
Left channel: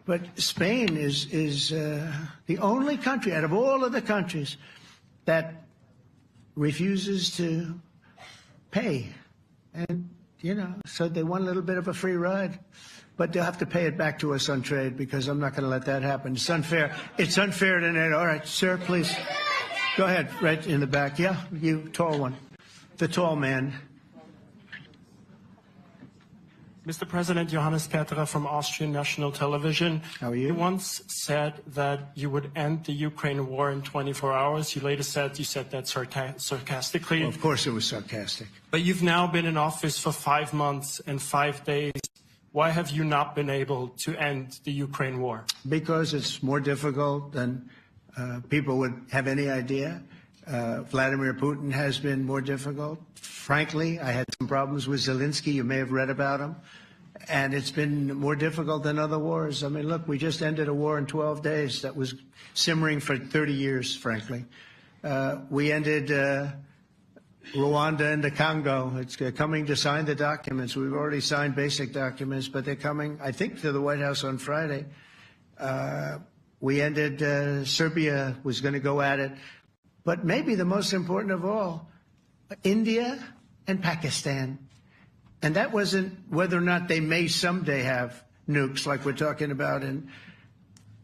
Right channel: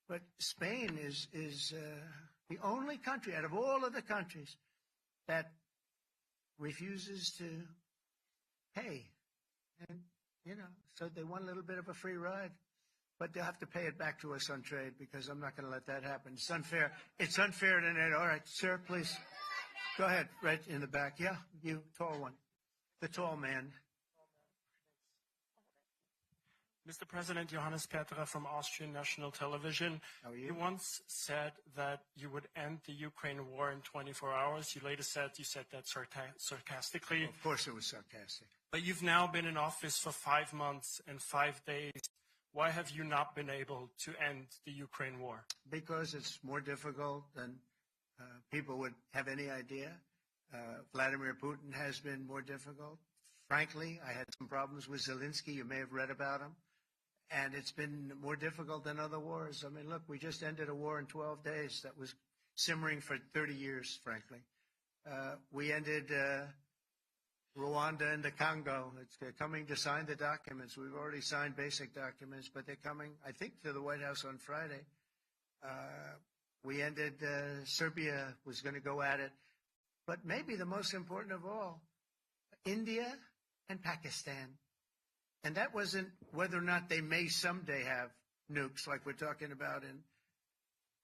But Spain is the only country out of all of the countries that refuses to pay. And, you know, so they want a little bit of a free ride. But they'll have to pay it back to us on trade because I'm not going to let that happen. It's unfair. It's unfair to NATO. All right, sir, please. Go ahead, right in the back. Yeah, you tall one. The tall man. Mr. President, Johannes Petra from Austrian National Television. How are you? You once said that you would end the Ukraine war in 24 hours. You later said you said that sarcastically. Well, of course it was sarcastic. But you've now been in office for 5 months and 5 days. Why have you not been able to end the Ukraine war? Because it's more difficult than people would have any idea. Vladimir Putin has been more difficult. Frankly, I had some problems with Zelensky. You may have read about him. And it's been more difficult than other wars. I mean, look, we just ended a war in 12 days that was simmering for 30 years, frankly. We ended Rwanda and the Congo. It's coming to sign the documents. We've already signed basic documents, but they're coming, I think, to the White House on Friday. We ended Serbia was going to go at it. But maybe the most important of all, India and Pakistan. And that wasn't whether or not they may someday have nukes like we're talking about in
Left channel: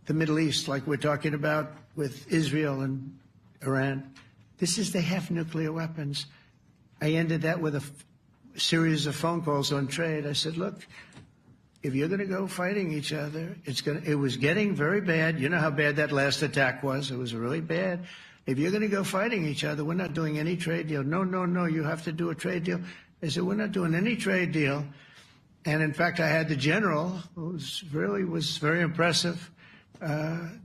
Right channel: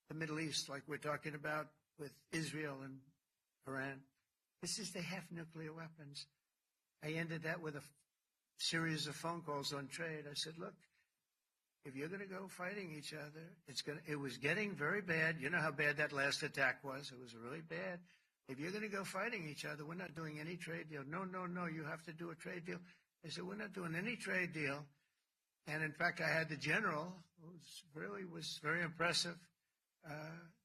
the Middle East, like we're talking about with Israel and Iran. This is they have nuclear weapons. I ended that with a series of phone calls on trade. I said, look, if you're going to go fighting each other, it was getting very bad. You know how bad that last attack was. It was really bad. If you're going to go fighting each other, we're not doing any trade deal. No, no, no, you have to do a trade deal. I said, we're not doing any trade deal. And in fact, I had the general, who was very impressive.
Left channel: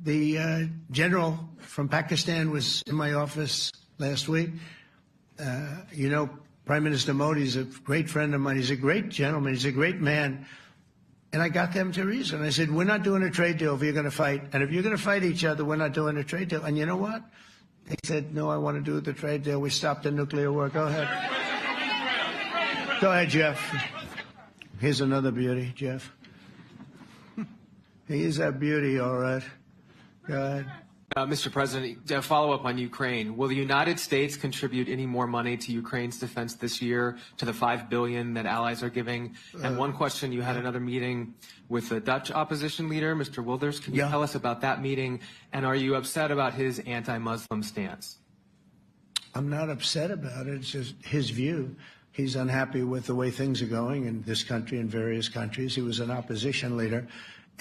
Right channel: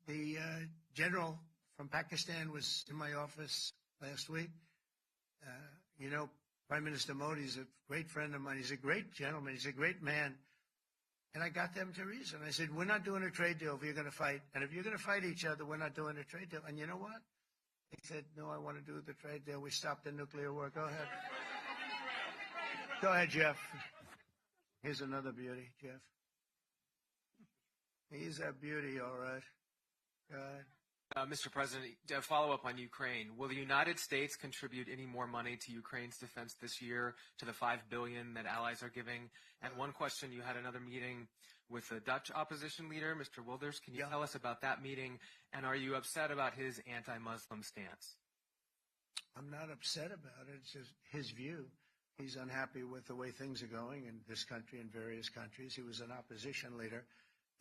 The general from Pakistan was in my office last week. You know, Prime Minister Modi is a great friend of mine. He's a great gentleman. He's a great man. And I got them to reason. I said, we're not doing a trade deal if you're going to fight. And if you're going to fight each other, we're not doing a trade deal. And you know what? They said, no, I want to do the trade deal. We stopped the nuclear war. Go ahead. Go ahead, Jeff. Here's another beauty, Jeff. He is a beauty, all right. Go ahead. Mr. President, a follow-up on Ukraine. Will the United States contribute any more money to Ukraine's defense this year to the $5 billion that allies are giving? And one question, you had another meeting with the Dutch opposition leader, Mr. Wilders. Can you tell us about that meeting? And are you upset about his anti-Muslim stance? I'm not upset about it. It's just his view. He's unhappy with the way things are going in this country and various countries. He was an opposition leader.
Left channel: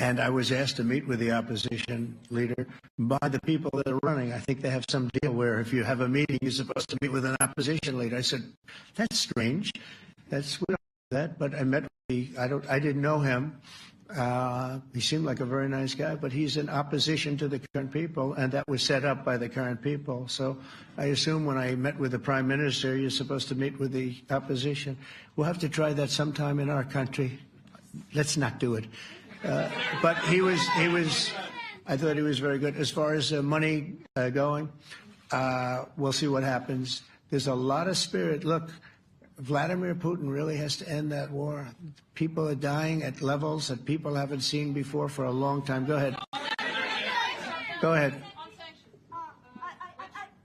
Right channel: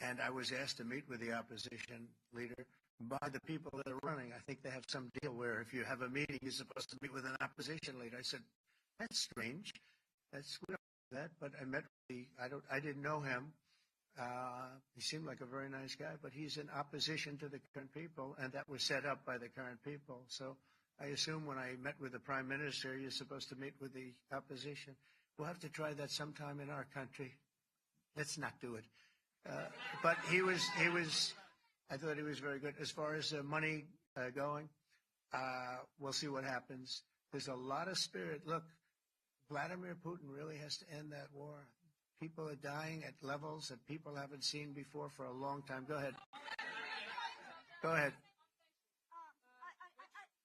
And I was asked to meet with the opposition leader by the people that are running. I think they have some deal where if you have a meeting, you're supposed to meet with an opposition leader. I said, that's strange. We don't do that. But I met with I didn't know him. He seemed like a very nice guy, but he's in opposition to the current people, and that was set up by the current people. So I assume when I met with the Prime Minister, you're supposed to meet with the opposition. We'll have to try that sometime in our country. Let's not do it. But I thought he was very good. As far as money going, we'll see what happens. There's a lot of spirit. Look, Vladimir Putin really has to end that war. People are dying at levels that people haven't seen before for a long time. Go ahead. Go ahead.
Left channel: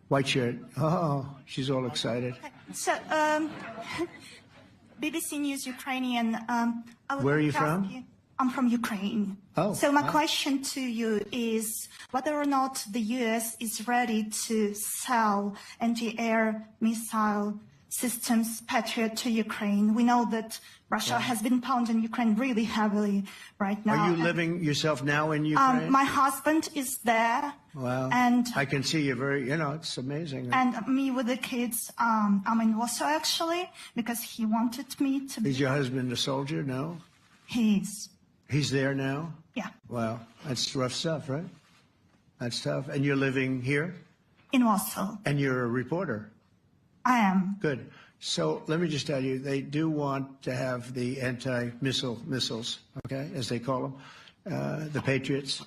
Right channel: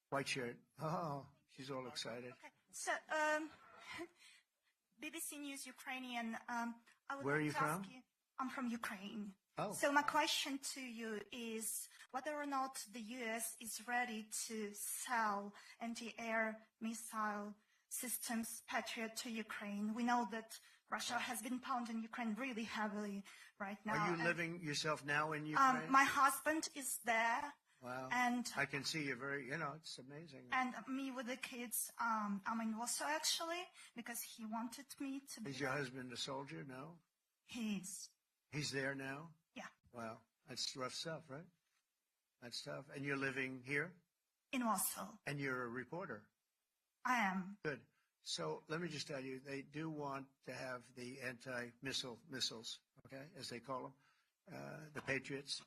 White shirt. Oh, she's all excited. So, BBC News Ukrainian. Where are you from? I'm from Ukraine. Oh, so my wow. question to you is whether or not the U.S. is ready to sell anti-air missile systems Patriot to Ukraine. We know that Russia has been pounding Ukraine really heavily right now. Are you living yourself now in Ukraine? My husband is there. Wow. And I can see you very, it's amazing. And me with the kids, I'm in Warsaw actually, because he wanted me to be. Is your husband a soldier? No? He's there now? Yeah. Wow. That's rough stuff, right? That's tough. And you're living here? In Warsaw. And you're a reporter? I am. Good. So let me just tell you, they do want to have the missiles, okay, as they call them, the Patriots.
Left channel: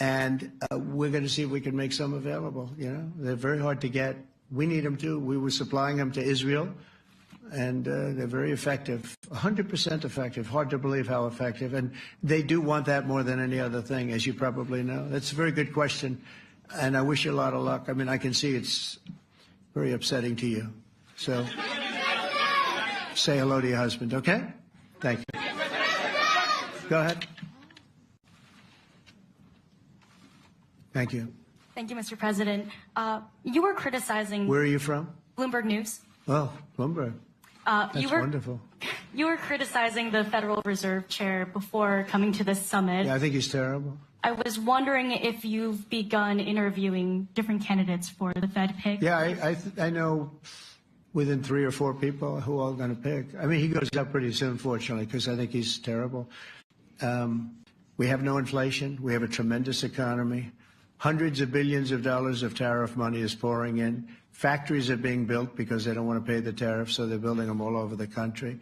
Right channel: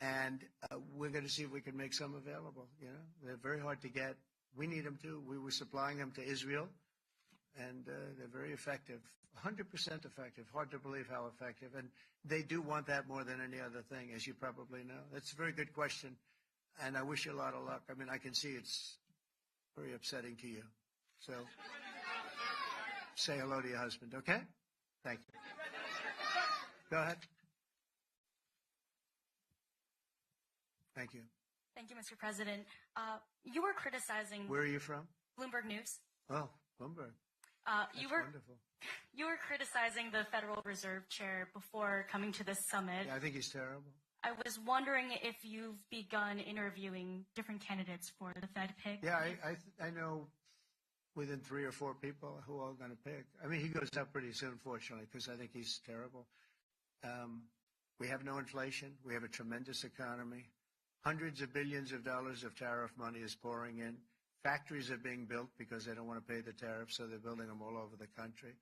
And we're going to see if we can make some available. They're very hard to get. We need them too. We were supplying them to Israel, and they're very effective, 100% effective. Hard to believe how effective. And they do want that more than any other thing, as you probably know. That's a very good question, and I wish you a lot of luck. I mean, I can see it's very upsetting to you. So say hello to your husband, okay? Thank you. Go ahead. Thank you. Thank you, Mr. President. You were criticizing... Where are you from? Bloomberg News. Oh, Bloomberg. That's wonderful. You were criticizing the Federal Reserve Chair before coming to this summit. Yeah, I think he's terrible. I was wondering if you've begun interviewing different candidates for the Fed pick. Yeah, I know within 3 or 4 people who are going to pick. I mean, he goes up pretty soon, fortunately, because I think he's terrible. We have no inflation. We have a tremendous economy. Hundreds of billions of dollars of tariff money is pouring in. Factories are being built because they don't want to pay the tariffs, so they're building them all over the country.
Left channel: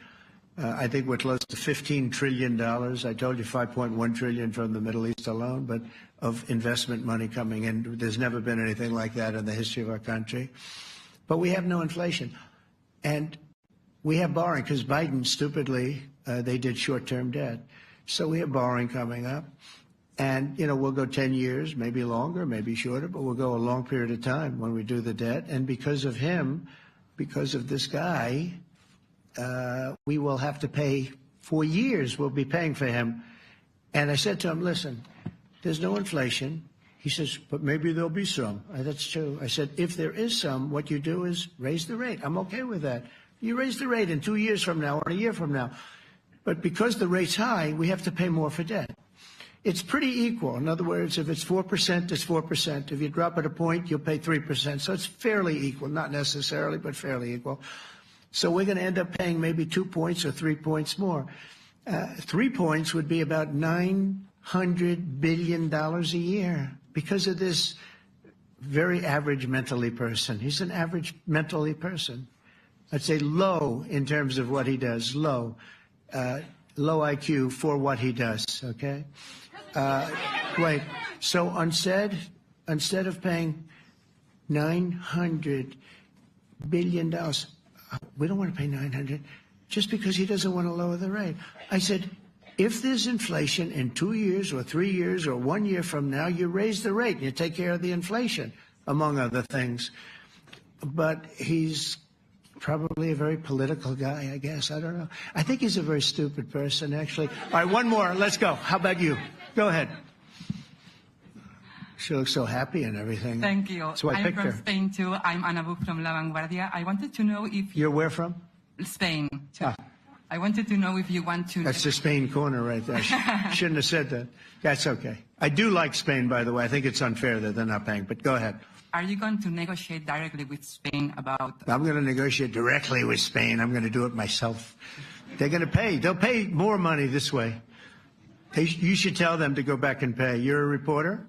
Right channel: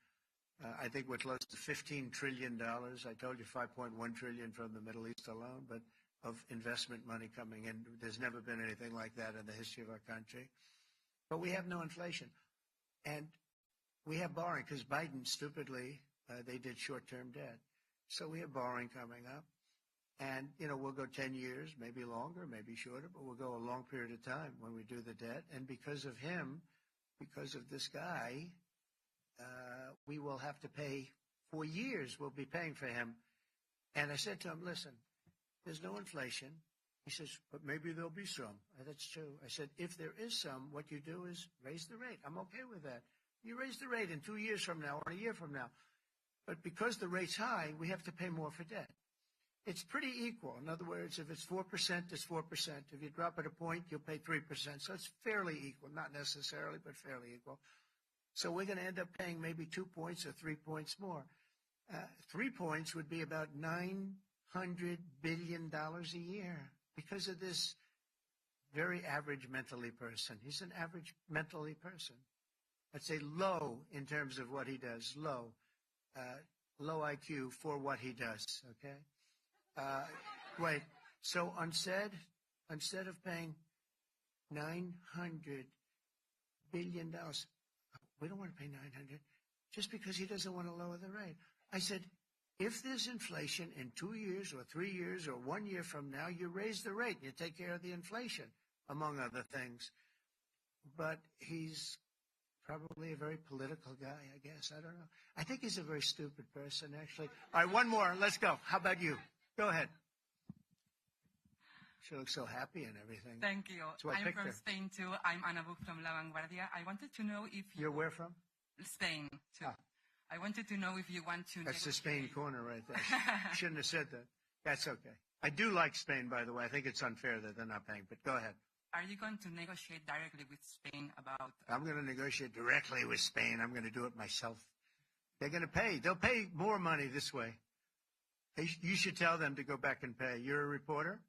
I think we're close to $15 trillion. I told you $5.1 trillion from the Middle East alone, but of investment money coming in. There's never been anything like that in the history of our country. But we have no inflation. And we have borrowing because Biden, stupidly, they did short-term debt. So we have borrowing coming up. And, we'll go 10 years, maybe longer, maybe shorter, but we'll go a long period of time when we do the debt. And because of him, because of this guy, we will have to pay for years. We'll be paying for him. And I said to him, listen, there's no inflation. He says, but maybe there'll be some. That's true. I said, if there is some, what you do is raise the rate. I'm okay with that. You raise the rate in 2 years from now or a year from now. But because the rate's high, we have to pay more for debt. It's pretty equal. In other words, if it's 4%, it's 4%. If you drop it a point, you'll pay 3%. So it's fairly equal, not necessarily, but fairly equal. So we're going to end up paying maybe 2 points or 3 points more. 3 points would be about $900 billion a year because of this very average mentally person. He's an average mentally person. I'd say low in terms of what he does, low IQ for what he does, okay? Wait, so instead of paying $900 billion, we don't want to pay 900 just because he doesn't want to lower the rate. I said, if there's inflation in 2 years or 3 years or 1 year from now, you raise the rate and you take care of the inflation, among other things. But he's probably a very political guy, I guess. I don't know. I think he's a very stupid person, actually. All right, one more. Let's go. How about you? Go ahead. She looks so happy and everything. Thank you. So I picked her. I'm from Spain, too. I'm Ana Buch from La Vanguardia. I wanted to know if... You're where from? Spain, too. I wanted to know if you want to... That's the Spain corner right there. Shouldn't have said that. That's okay. I do like Spain, by the way. I think it's unfair that they're not paying, but go ahead. Are you going to negotiate directly with Spain about... I'm going to negotiate directly with Spain. I'm going to do it myself. They're going to pay. They'll pay more money this way. You should tell them to go back and pay. You're a reporter?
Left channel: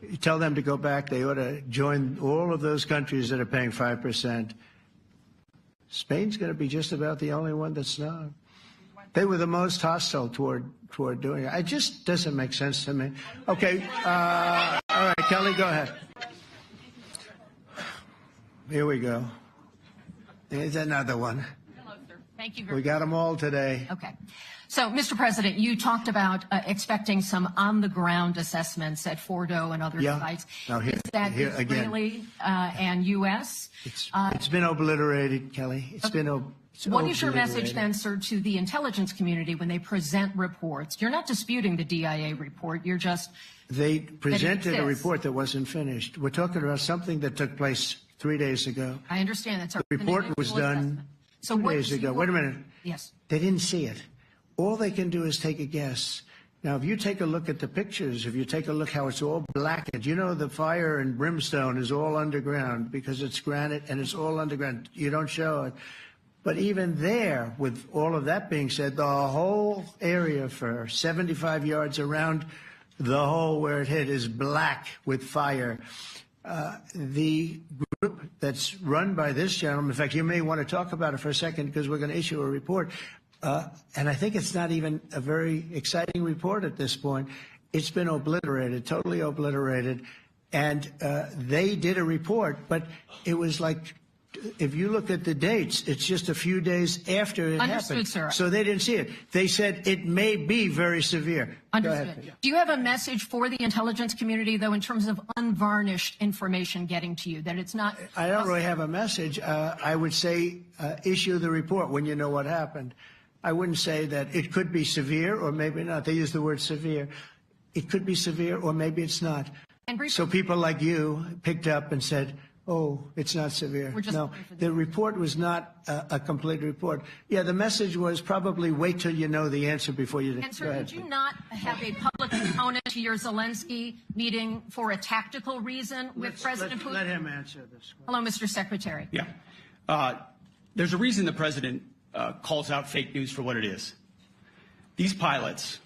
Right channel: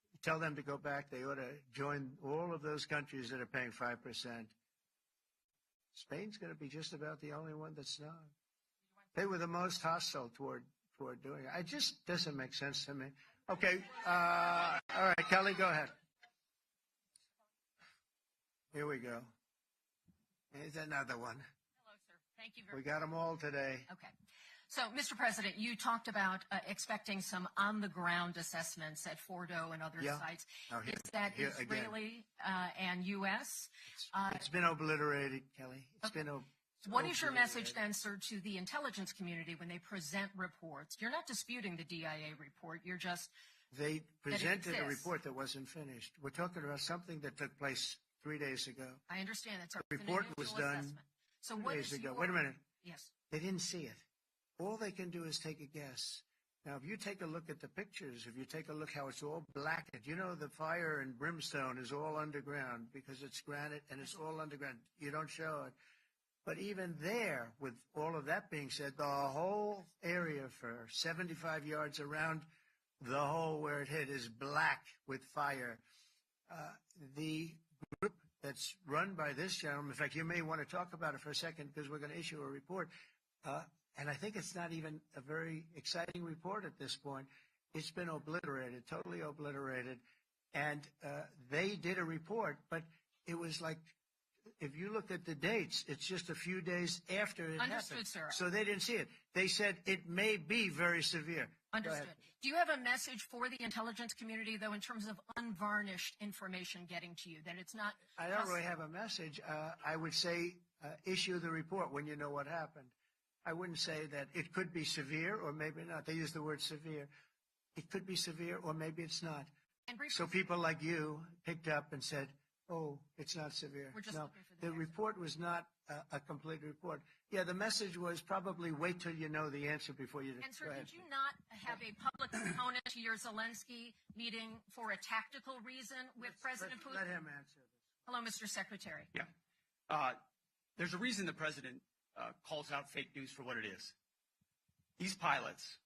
You tell them to go back. They ought to join all of those countries that are paying 5%. Spain's going to be just about the only one that's not. They were the most hostile toward doing it. It just doesn't make sense to me. Okay. All right, Kelly, go ahead. Here we go. There's another one. Hello, sir. Thank you We got them all today. Okay. So, Mr. President, you talked about expecting some on-the-ground assessments at Fordo and other sites. Now Is that Israeli and U.S.? It's been obliterated, Kelly. It's been What is your message then, sir, to the intelligence community when they present reports? You're not disputing the DIA report. You're just... They presented a report that wasn't finished. We're talking about something that took place 3 days ago. I understand. That's the report was done 2 days ago. Wait a minute. Yes. They didn't see it. All they can do is take a guess. Now, if you take a look at the pictures, if you take a look how it's all blackened, you know the fire and brimstone is all underground because it's granite and it's all underground. You don't show it. But even there, with all of that being said, the whole area for 75 yards around the hole where it hit is black with fire. The group that's run by this gentleman, in fact, you may want to talk about it for a second because we're going to issue a report. And I think it's not even a very exciting report at this point. It's been obliterated, totally obliterated. And they did a report, but it was like, if you look at the dates, it's just a few days after it happened. Sir. So they didn't see it. They said it may be very severe. Understood. Do you have a message for the intelligence community, though, in terms of unvarnished information getting to you, that it's not... I don't really have a message. I would say issue the report when you know what happened. I wouldn't say that it could be severe or maybe not. They use the word severe. It could be severe or maybe it's not. So people like you picked up and said, oh, it's not severe. No, the report was not a complete report. Yeah, the message was probably wait till you know the answer before you... And sir, did you not have a public component to your Zelensky meeting for a tactical reason with President Putin? Let him answer this. Hello, Mr. Secretary. Yeah. There's a reason the president calls out fake news for what it is. These pilots,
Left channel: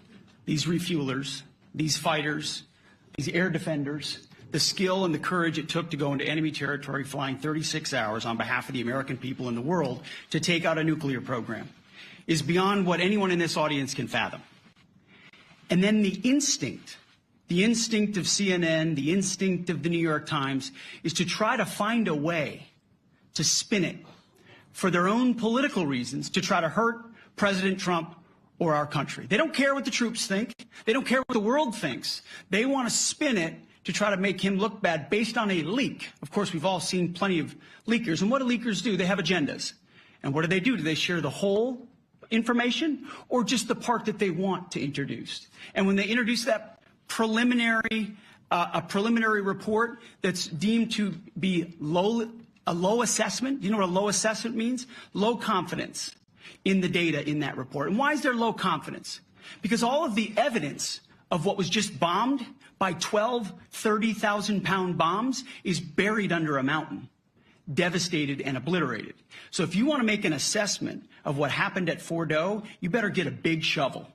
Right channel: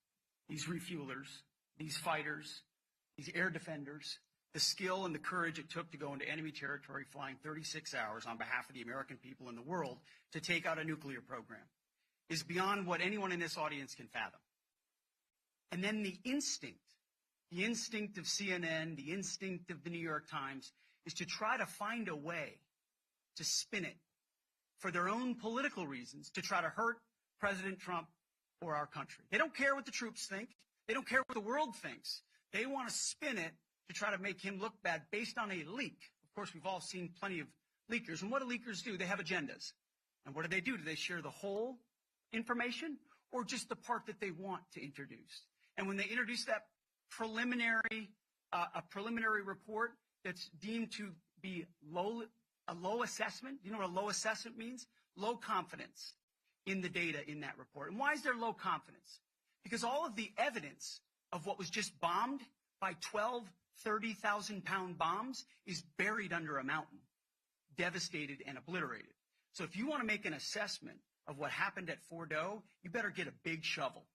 these refuelers, these fighters, these air defenders, the skill and the courage it took to go into enemy territory flying 36 hours on behalf of the American people and the world to take out a nuclear program is beyond what anyone in this audience can fathom. And then the instinct of CNN, the instinct of the New York Times is to try to find a way to spin it for their own political reasons to try to hurt President Trump or our country. They don't care what the troops think. They don't care what the world thinks. They want to spin it to try to make him look bad based on a leak. Of course, we've all seen plenty of leakers. And what do leakers do? They have agendas. And what do? Do they share the whole information or just the part that they want to introduce? And when they introduce that preliminary report that's deemed to be a low assessment, you know what a low assessment means? Low confidence in the data in that report. And why is there low confidence? Because all of the evidence of what was just bombed by 12 30,000-pound bombs is buried under a mountain, devastated and obliterated. So if you want to make an assessment of what happened at Fordo, you better get a big shovel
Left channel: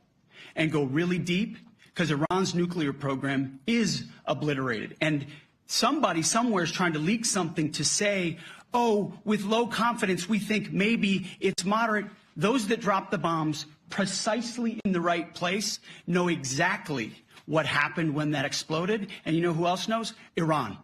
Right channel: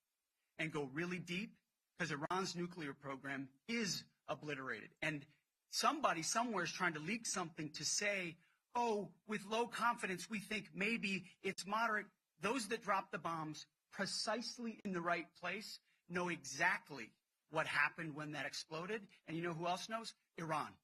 and go really deep because Iran's nuclear program is obliterated. And somebody somewhere is trying to leak something to say, oh, with low confidence, we think maybe it's moderate. Those that dropped the bombs precisely in the right place know exactly what happened when that exploded. And you know who else knows? Iran.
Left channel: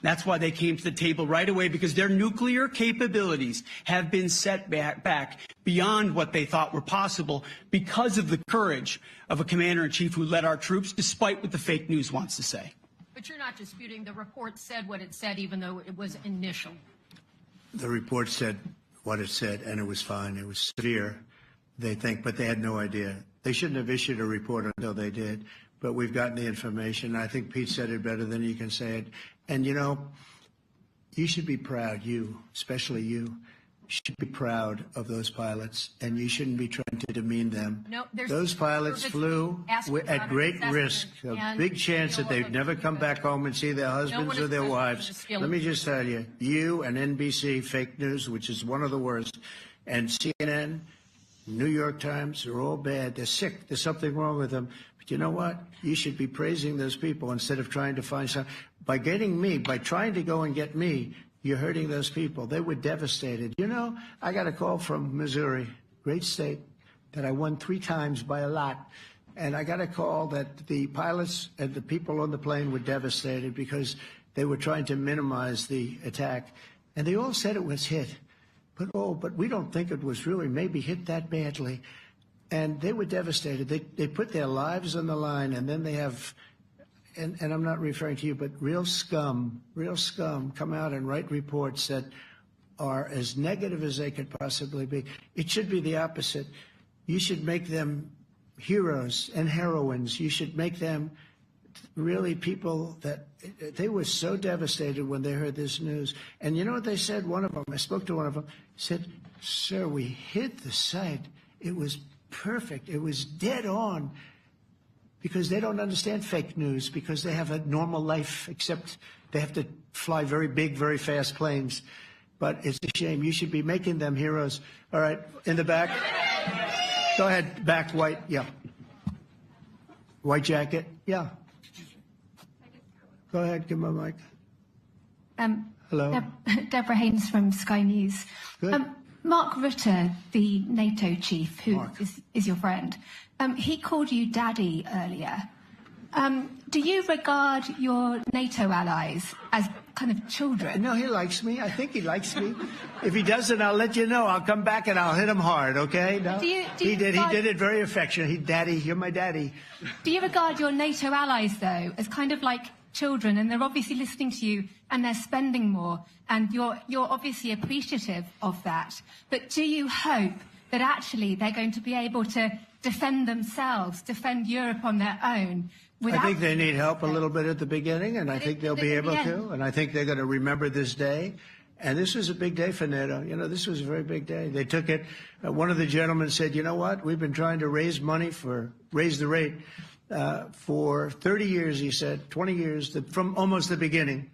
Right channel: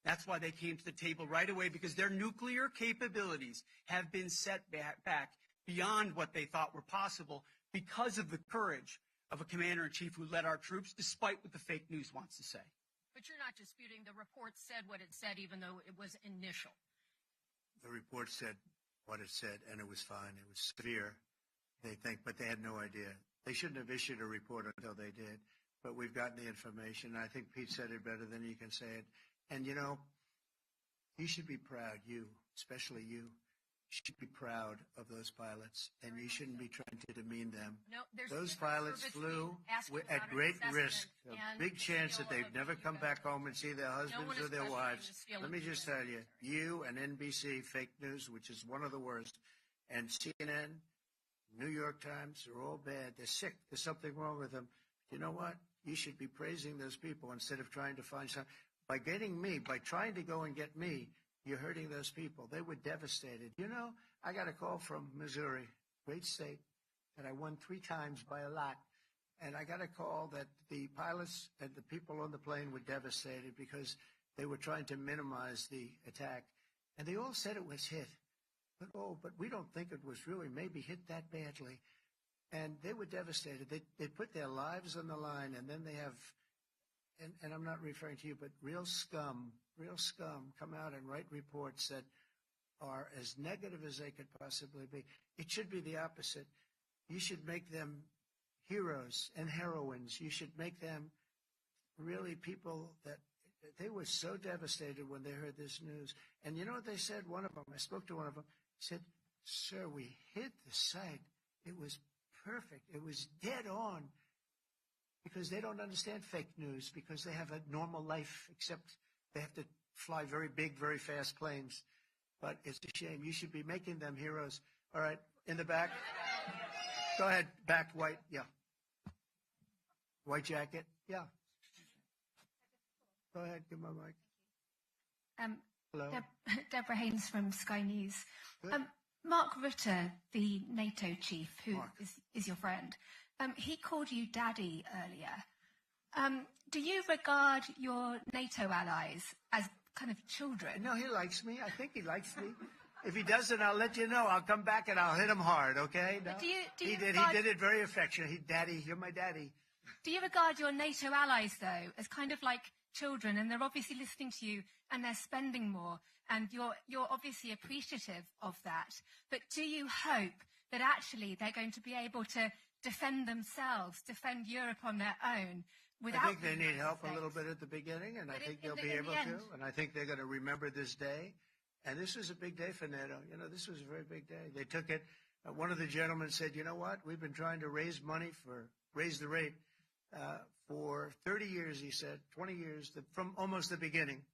That's why they came to the table right away, because their nuclear capabilities have been set back beyond what they thought were possible because of the courage of a commander-in-chief who led our troops, despite what the fake news wants to say. But you're not disputing the report said what it said, even though it was initial. The report said what it said, and it was fine. It was severe, they think, but they had no idea. They shouldn't have issued a report until they did. But we've gotten the information. I think Pete said it better than you can say it. And, you know, you should be proud, you, especially you, should be proud of those pilots, and you shouldn't be trying to demean them. No, those pilots flew at great risk, a big chance that they'd never come back home and see their husbands or their wives. Let me just tell you, you and NBC, fake news, which is one of the worst, and CNN, New York Times, they're all bad. They're sick. There's something wrong with them. But you know what? You should be praising those people instead of trying to find some. By getting me, by trying to go and get me, you're hurting those people. They were devastated. You know, I got a call from Missouri, great state, that I won 3 times by a lot. And I got a call that the pilots and the people on the plane were devastated because they were trying to minimize the attack. And they all said it was hit. But we don't think it was really maybe hit that badly. And they were devastated. They put their lives on the line, and then they have, and I'm not referring to you, but real scum come out and write reports that are as negative as they could possibly be. It should be the opposite. You should make them heroes and heroines. You should make them really people that they were so devastated when they heard this news. And you know what they said? One of them, I spoke to one of them, said, "Sir, we hit the site. It was perfect. It was dead on." Because they don't understand fake news, because they have a normal life, except they have to fly very big, very fast planes. But it's a shame. You should be making them heroes. All right, in the back. Go ahead, back, white, yeah. White jacket, yeah. Go ahead, give me a mic. Hello. Deborah Haynes from Sky News. Good. Mark Rutte, the NATO chief, who is your friend, he called you daddy earlier. Do you regard your NATO allies as kind of children? No, he likes me. I think he likes me. If he doesn't, I'll let you know. I'll come back and I'll hit him hard, okay? No? He did it very affectionate. Daddy, you're my daddy. Do you regard your NATO allies, though, as kind of like children, and they're obviously listening to you and they're spending more, and you're obviously appreciative of that, but do you hope that actually they're going to be able to defend themselves, defend Europe on their own? I think they need help a little bit at the beginning, and I think they'll be able to, and I think they're going to remember this day. And this was a big day for NATO. You know, this was a very big day. They took it. One of the gentlemen said, "You know what? We've been trying to raise money raise the rate for 30 years," he said, 20 years, from almost the beginning.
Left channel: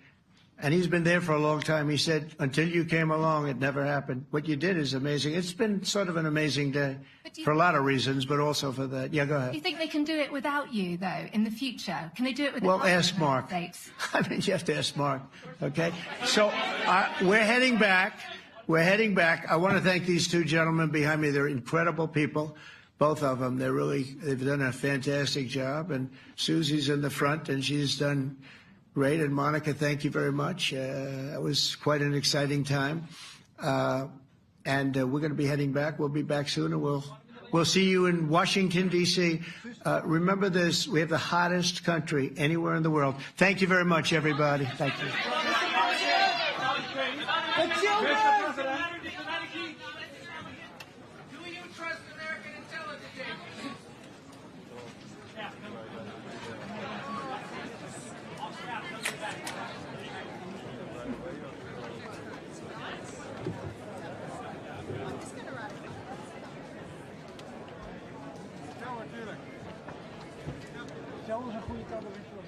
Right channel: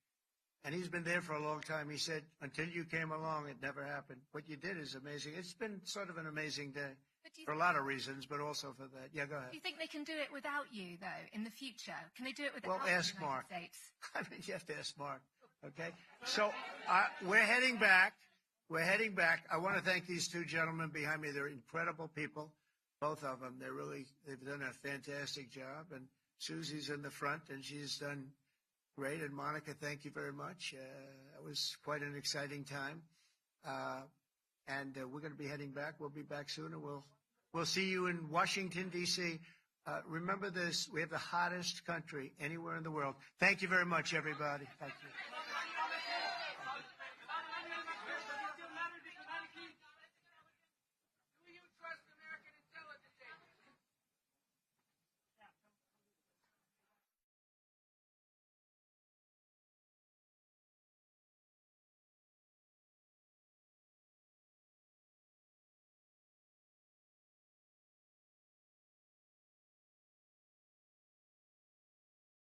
And he's been there for a long time. He said, "Until you came along, it never happened. What you did is amazing." It's been sort of an amazing day for a lot of reasons, but also for that. Yeah, go ahead. Do you think they can do it without you, though, in the future? Can they do it without Well, ask Mark. States? I mean, you have to ask Mark, okay? So we're heading back. We're heading back. I want to thank these two gentlemen behind me. They're incredible people, both of them. They've done a fantastic job. And Susie's in the front, and she's done great. And Monica, thank you very much. It was quite an exciting time. And we're going to be heading back. We'll be back soon, and we'll see you in Washington, D.C. Remember this, we have the hottest country anywhere in the world. Thank you very much, everybody. Thank you. Zelfs een goede cabaret.